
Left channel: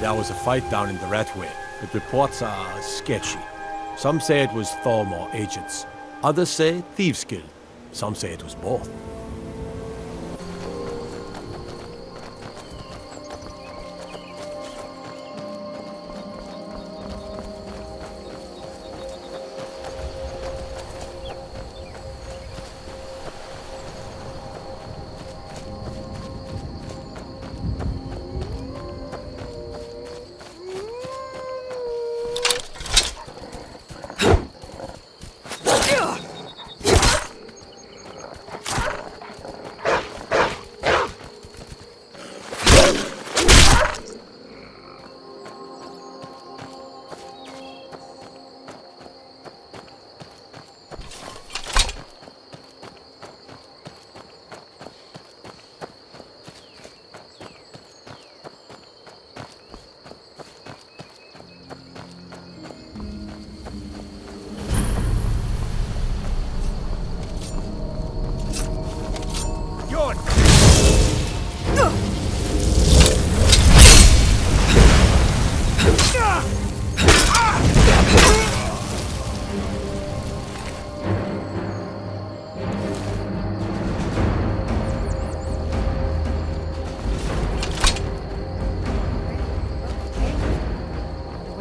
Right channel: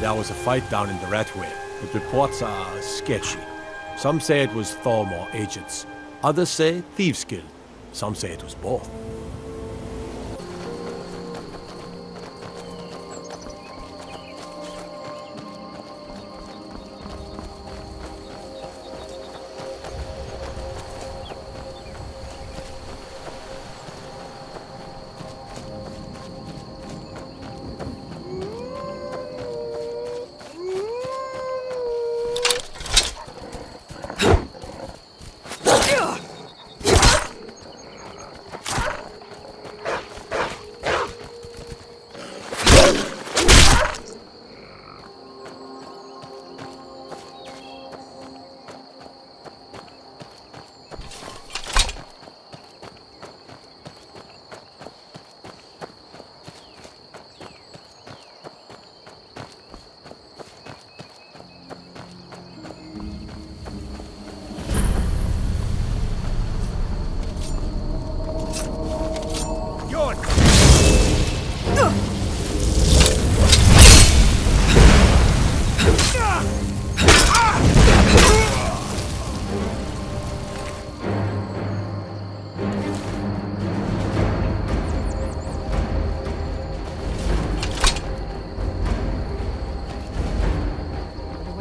There was a fight down in the Red Way, but reports are sketchy. Some say it was Thormor agents. Others say Thieves' Guild. Some say it was both.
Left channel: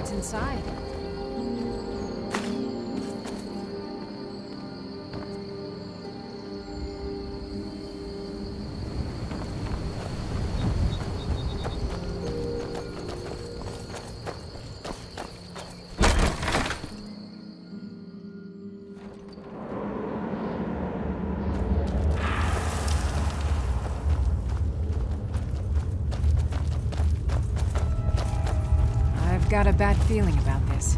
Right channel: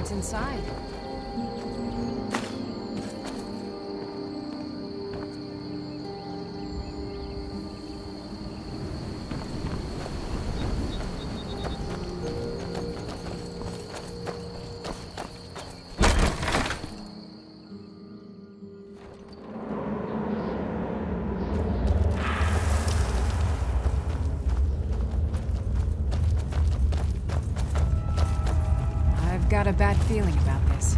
Inside. I've got a bad feeling about this.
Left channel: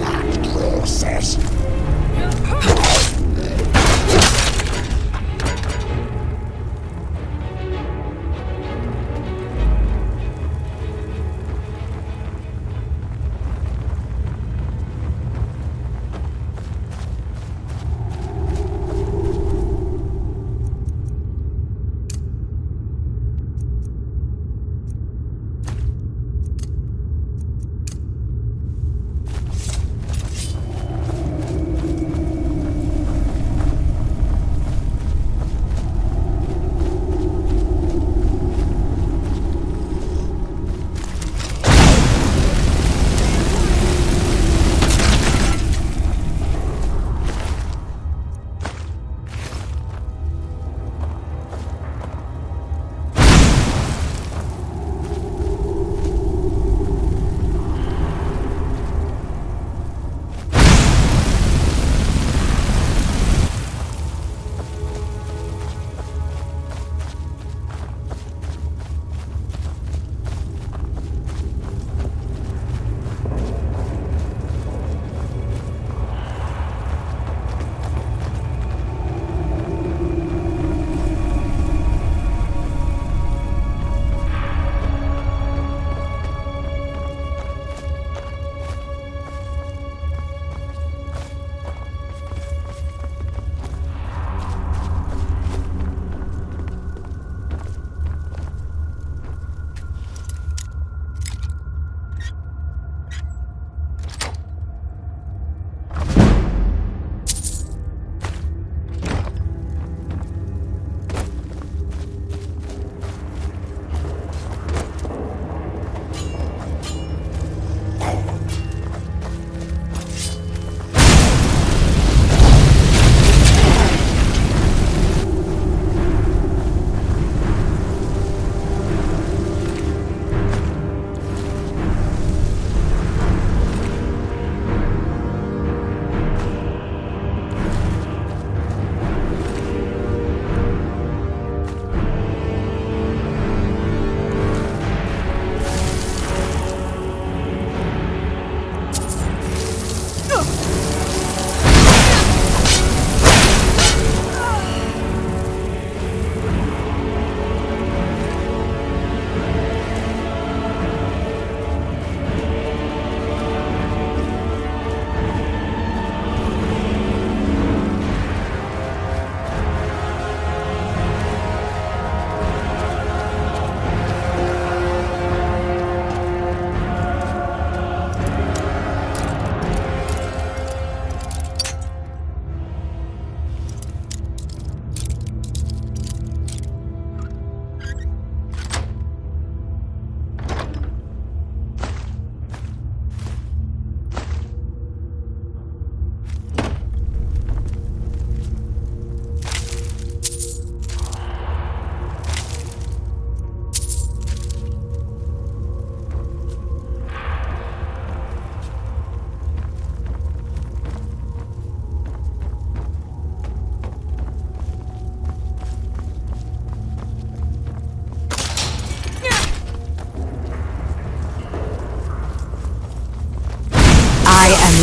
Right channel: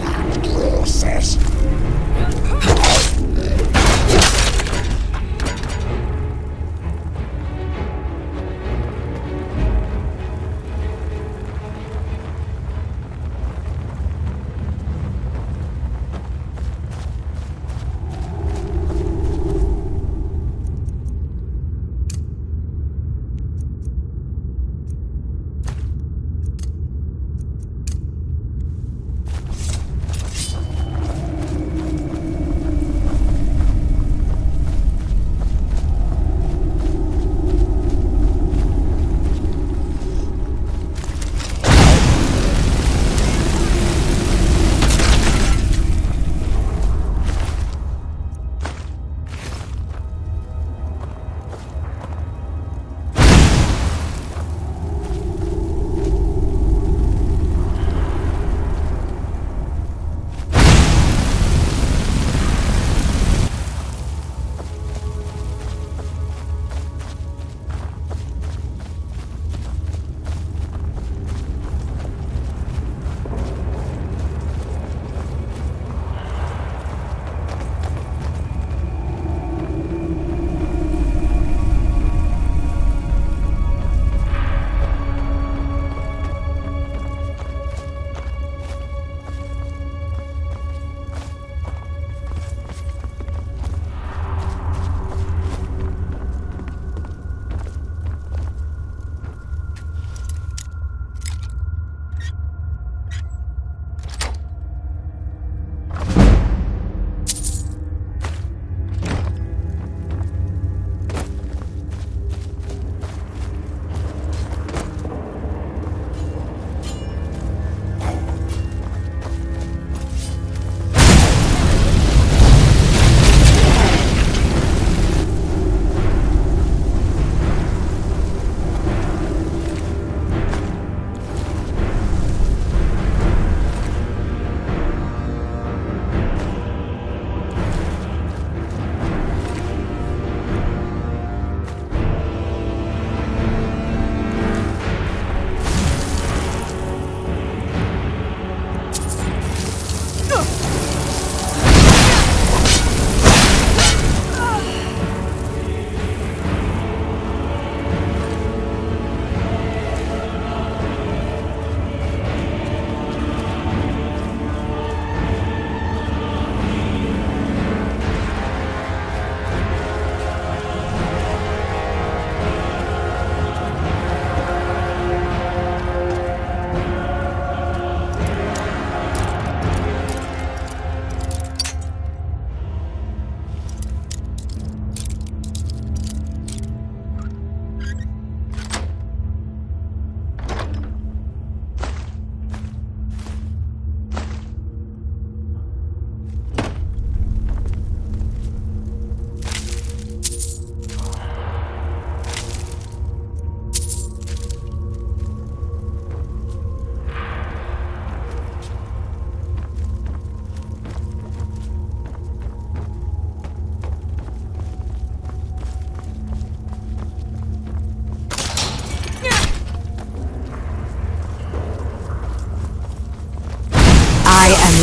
That process.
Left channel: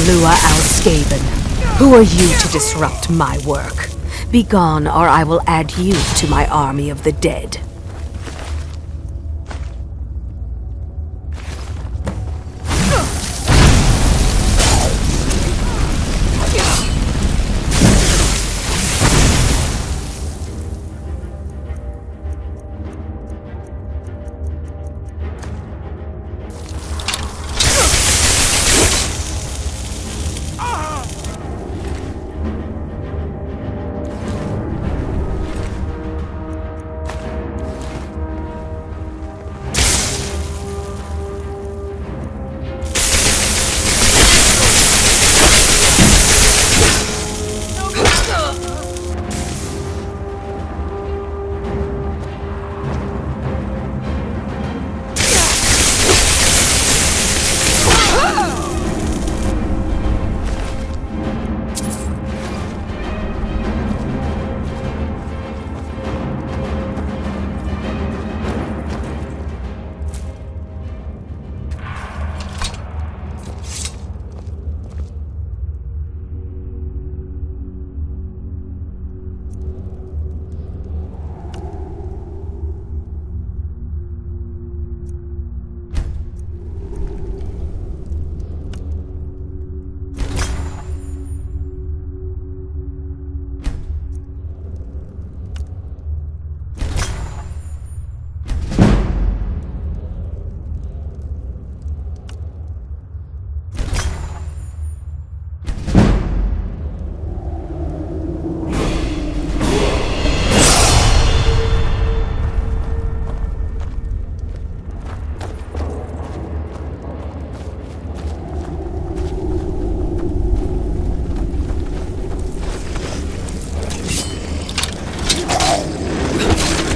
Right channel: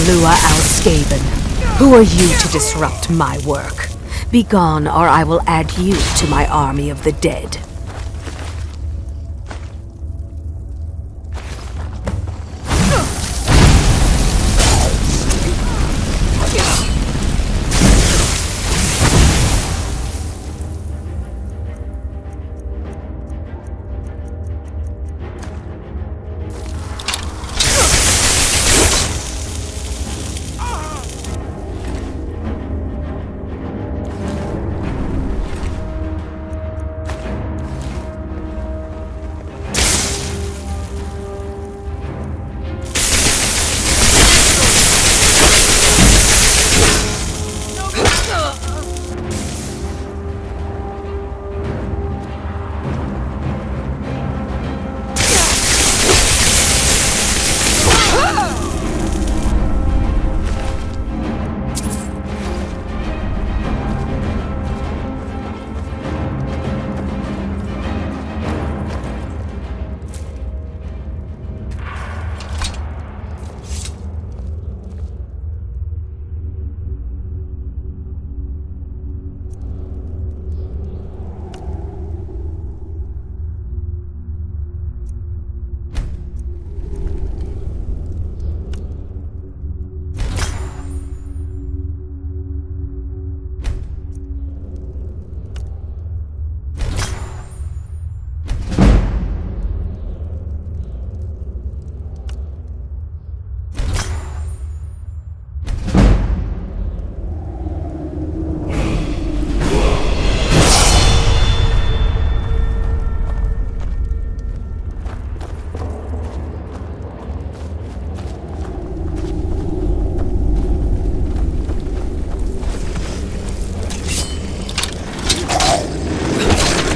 Lua Alskaven. Who are you to disrupt my work? Begone, or I will add you to my army of the dead.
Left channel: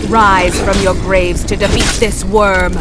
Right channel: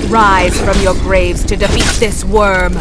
Rise from your graves to defeat this worm!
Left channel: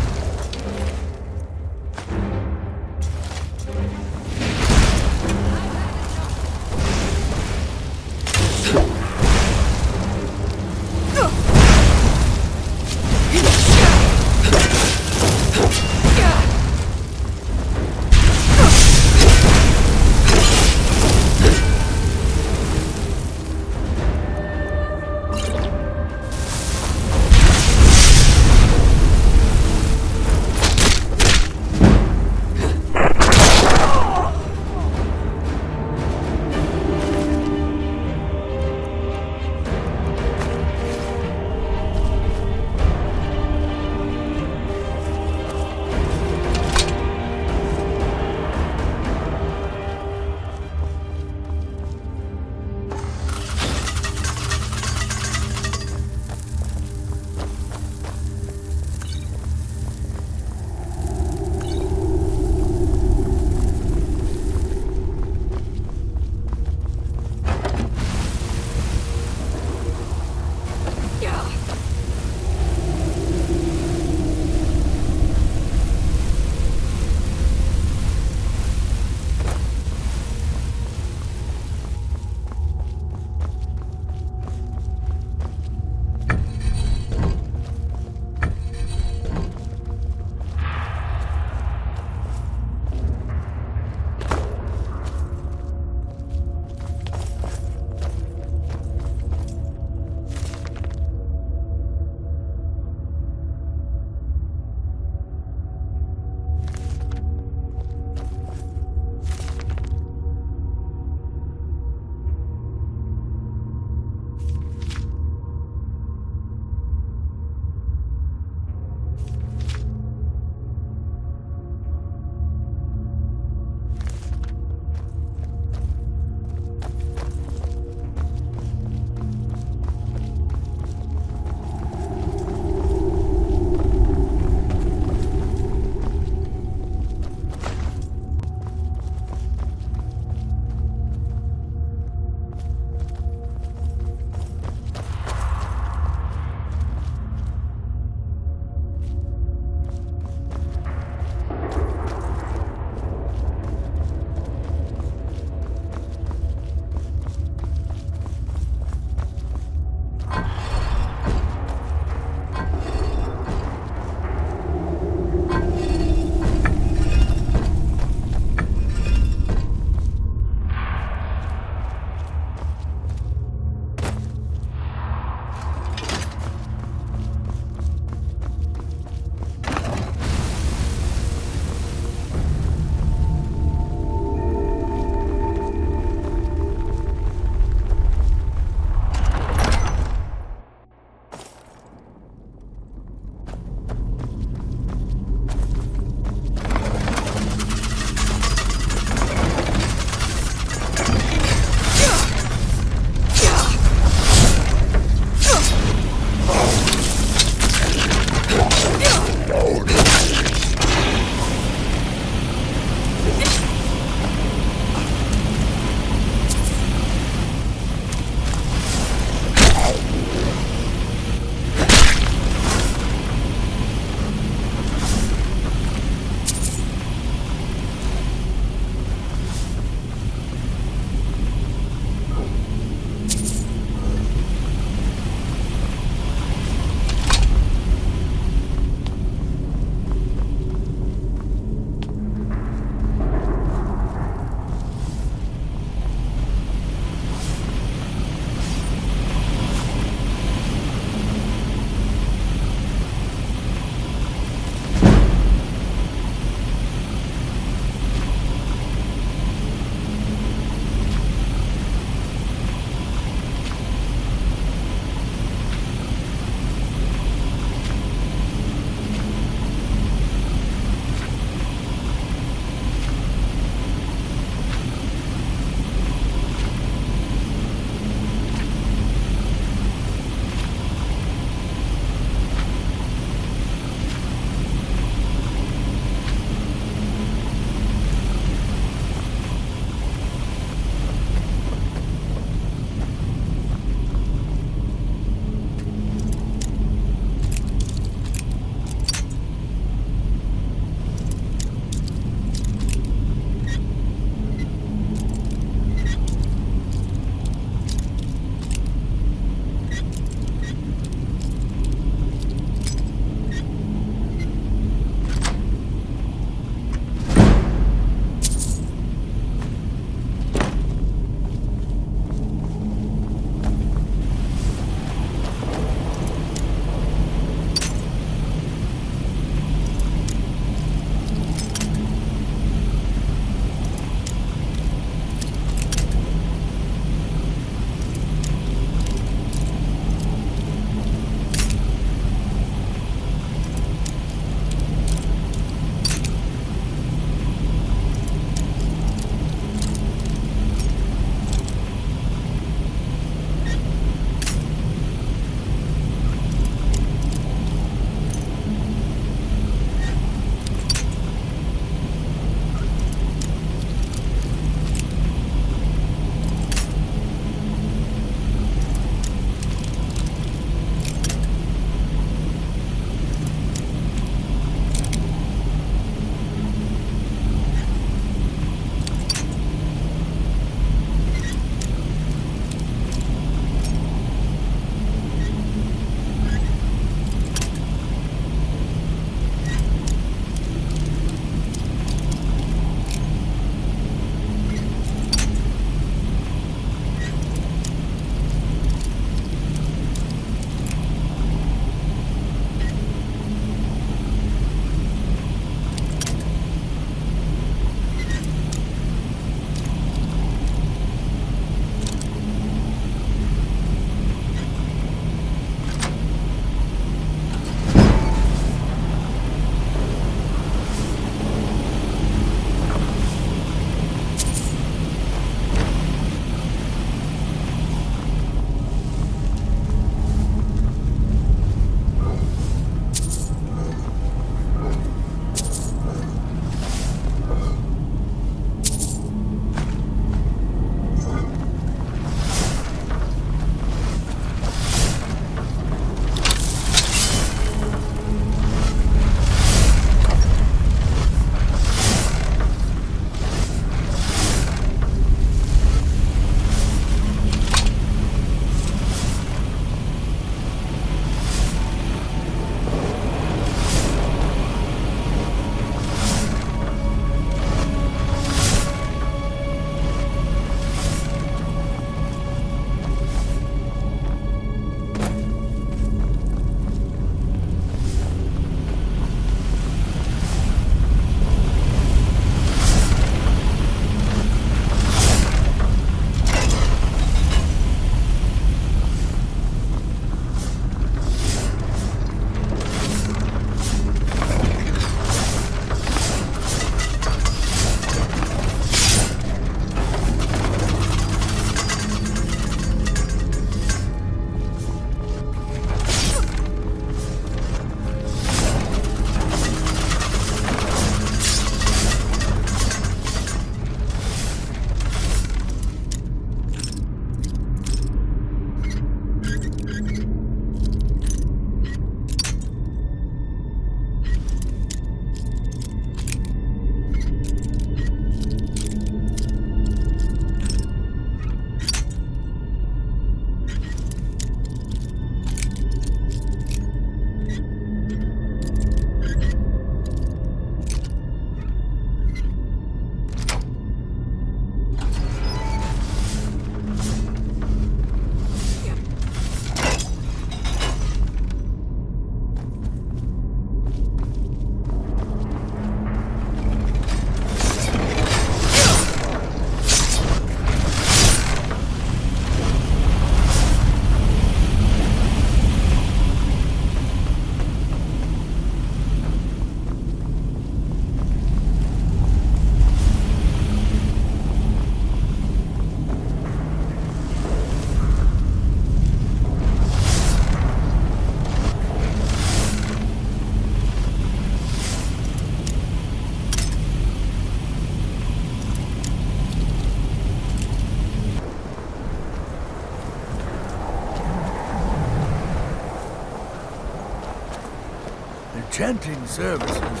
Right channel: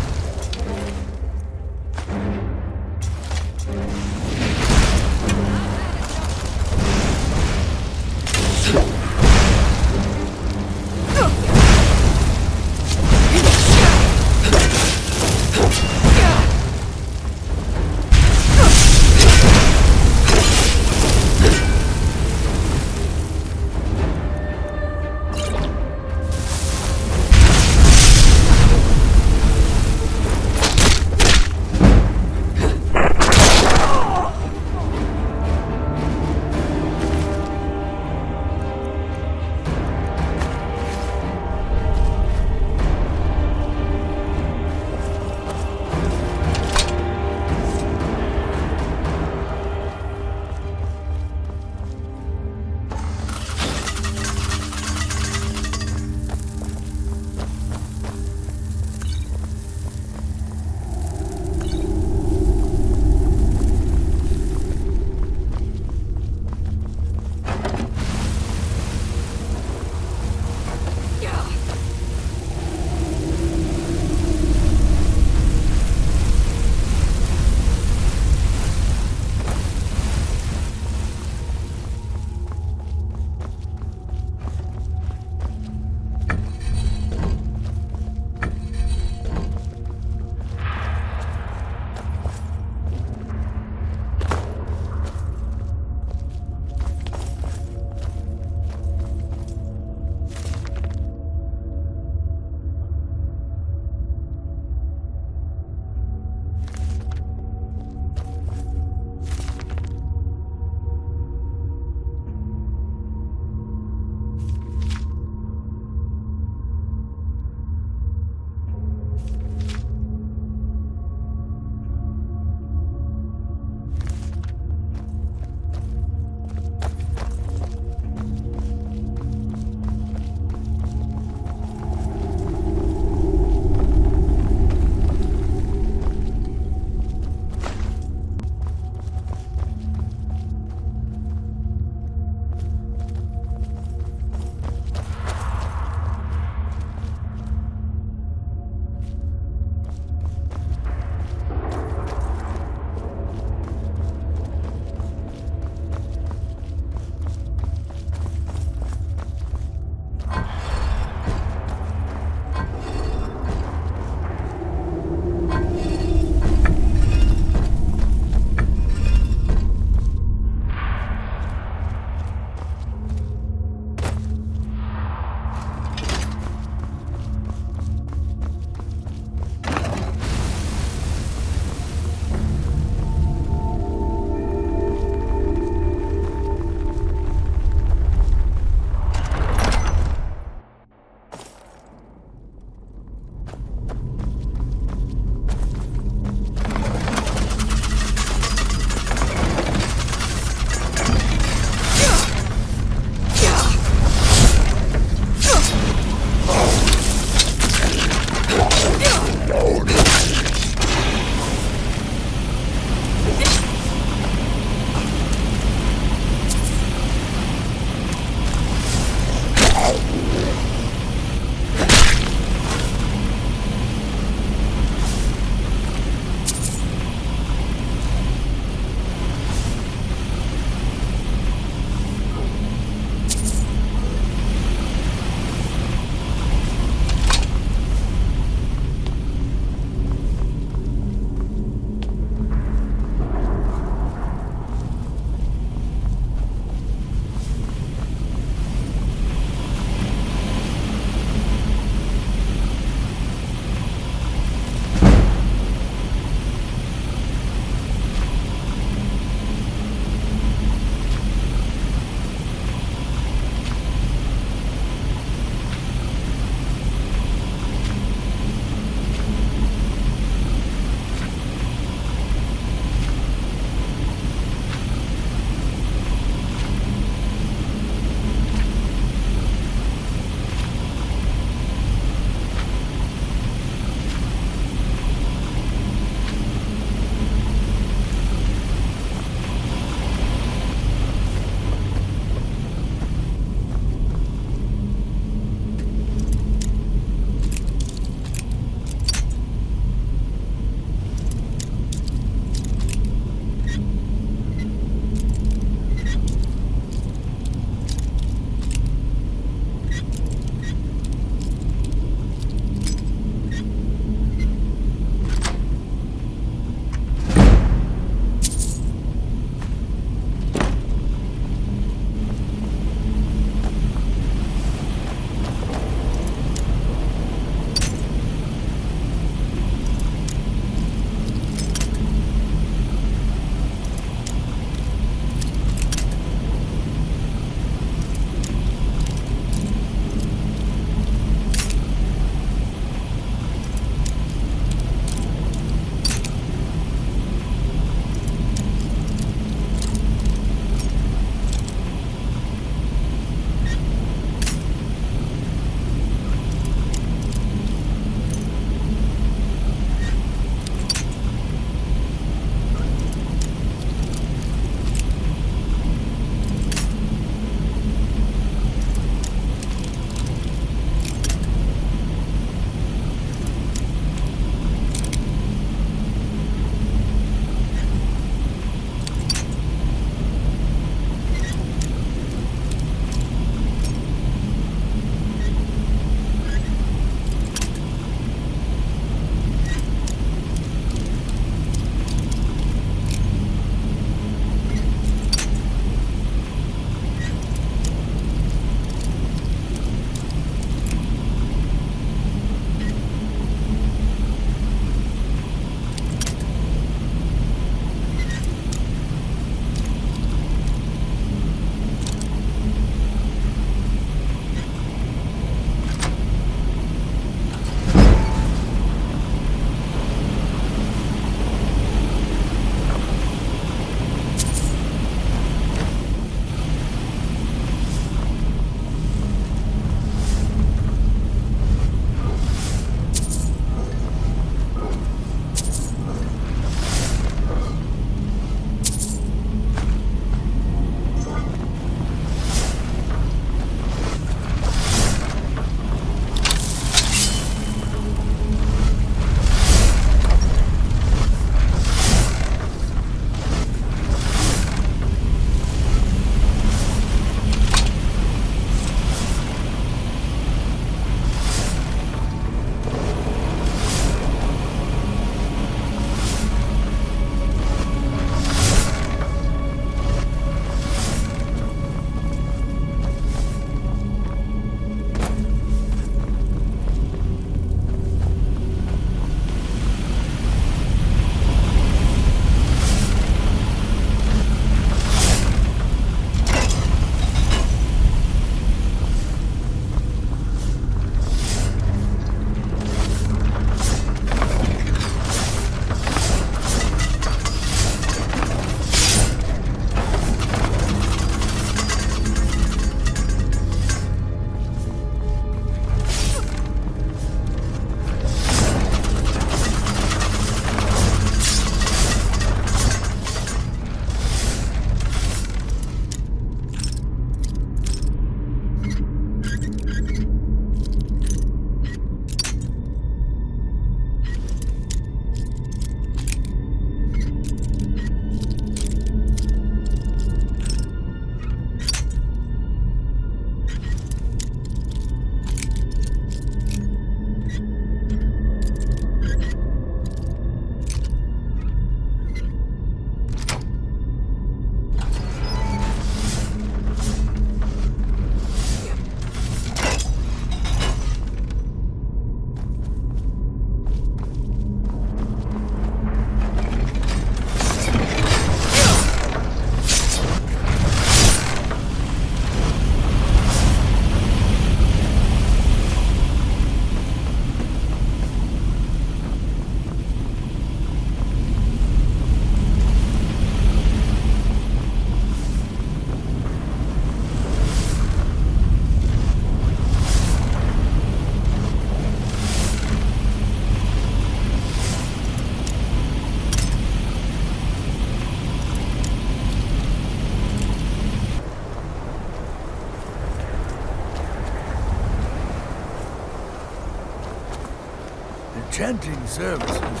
chanting services.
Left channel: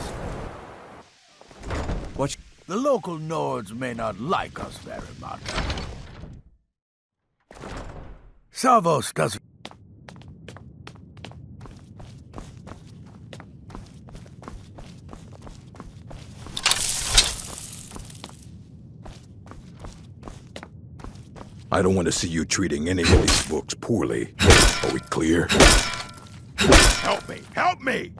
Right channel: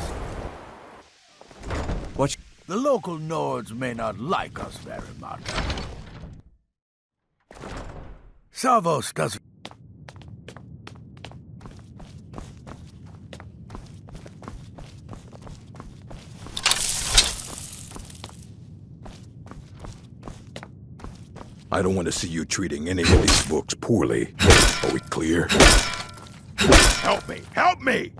What? The local Nords may not like us very much. Savos doesn't. I don't want to see you treating any of these books poorly. Are we clear? Help me! Help me!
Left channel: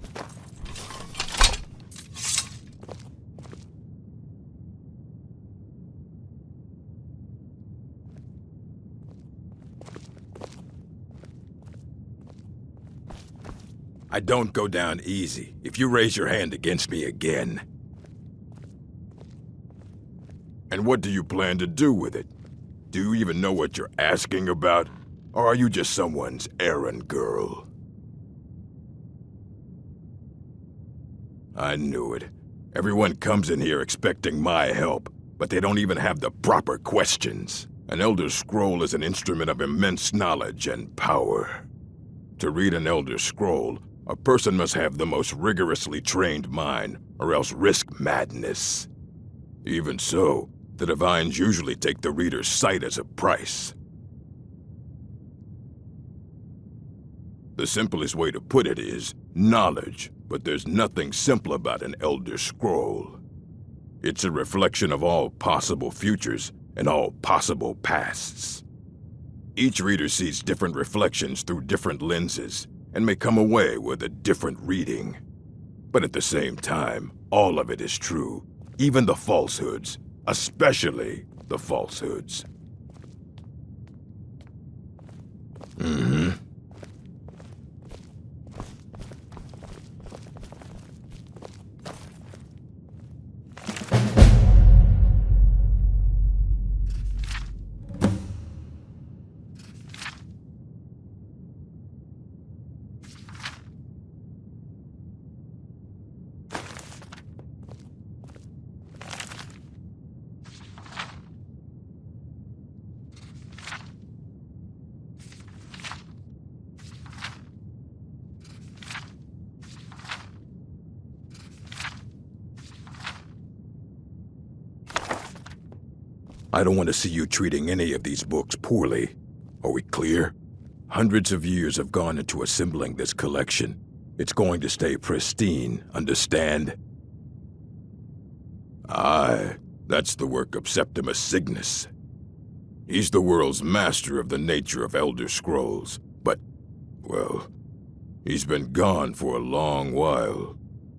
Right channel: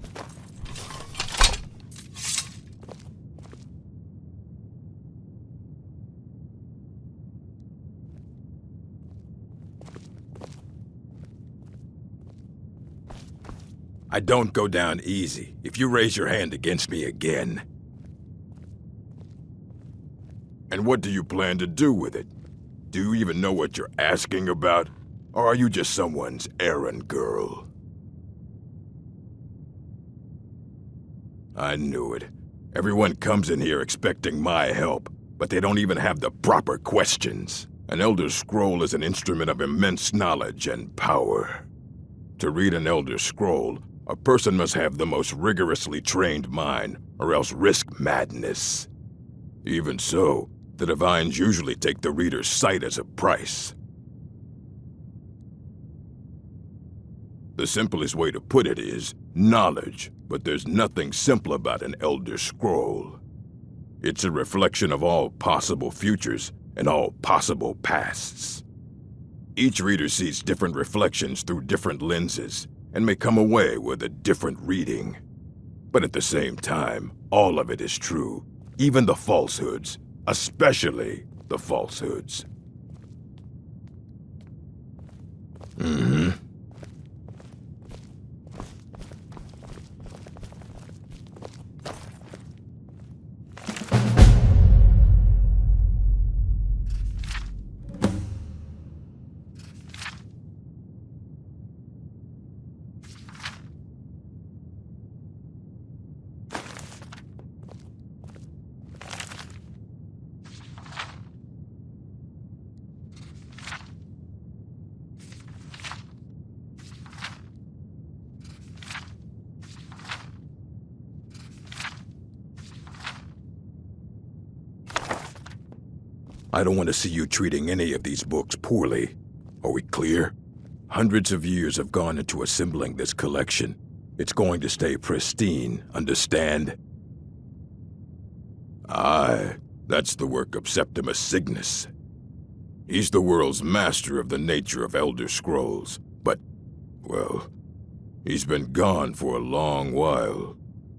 I don't go down easy if you raise your hand against me again. And what do you plan to do with it? Do you even know what you're asking about? Or are you just someone's errand girl? I knew it. Everyone comes in here expecting my help, but they don't even have the proper questions. An Elder Scroll is an instrument of immense knowledge and power. To read an Elder Scroll, a person must have the most rigorously trained mind, or else risk madness. Even so, the Divines usually take the reader's sight as a price. The simplest way to put it is knowledge, but there's nothing simple about an Elder Scroll. It's a reflection of all possible futures and all possible pasts. Each reader sees different reflections through different lenses and may come away with a different reading. But at the same time, all of it is true, even the falsehoods. Especially the falsehoods. I don't want to see you treating any of these books poorly. Are we clear? Hundreds of years have gone into assembling this collection. It's going to stay pristine, understand? Aye, that's the work of Septimus Cygnus. He's the world's master of the nature of Elder Scrolls, but, well, he's been gone for a long while.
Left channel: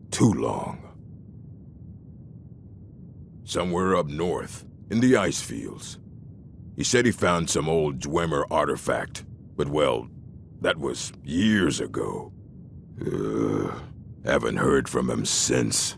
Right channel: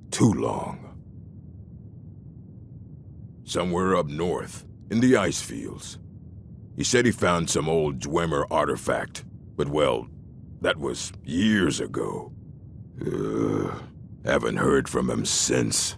Too long. Somewhere up north, in the ice fields. He said he found some old Dwemer artifact, but well, that was years ago. Haven't heard from him since.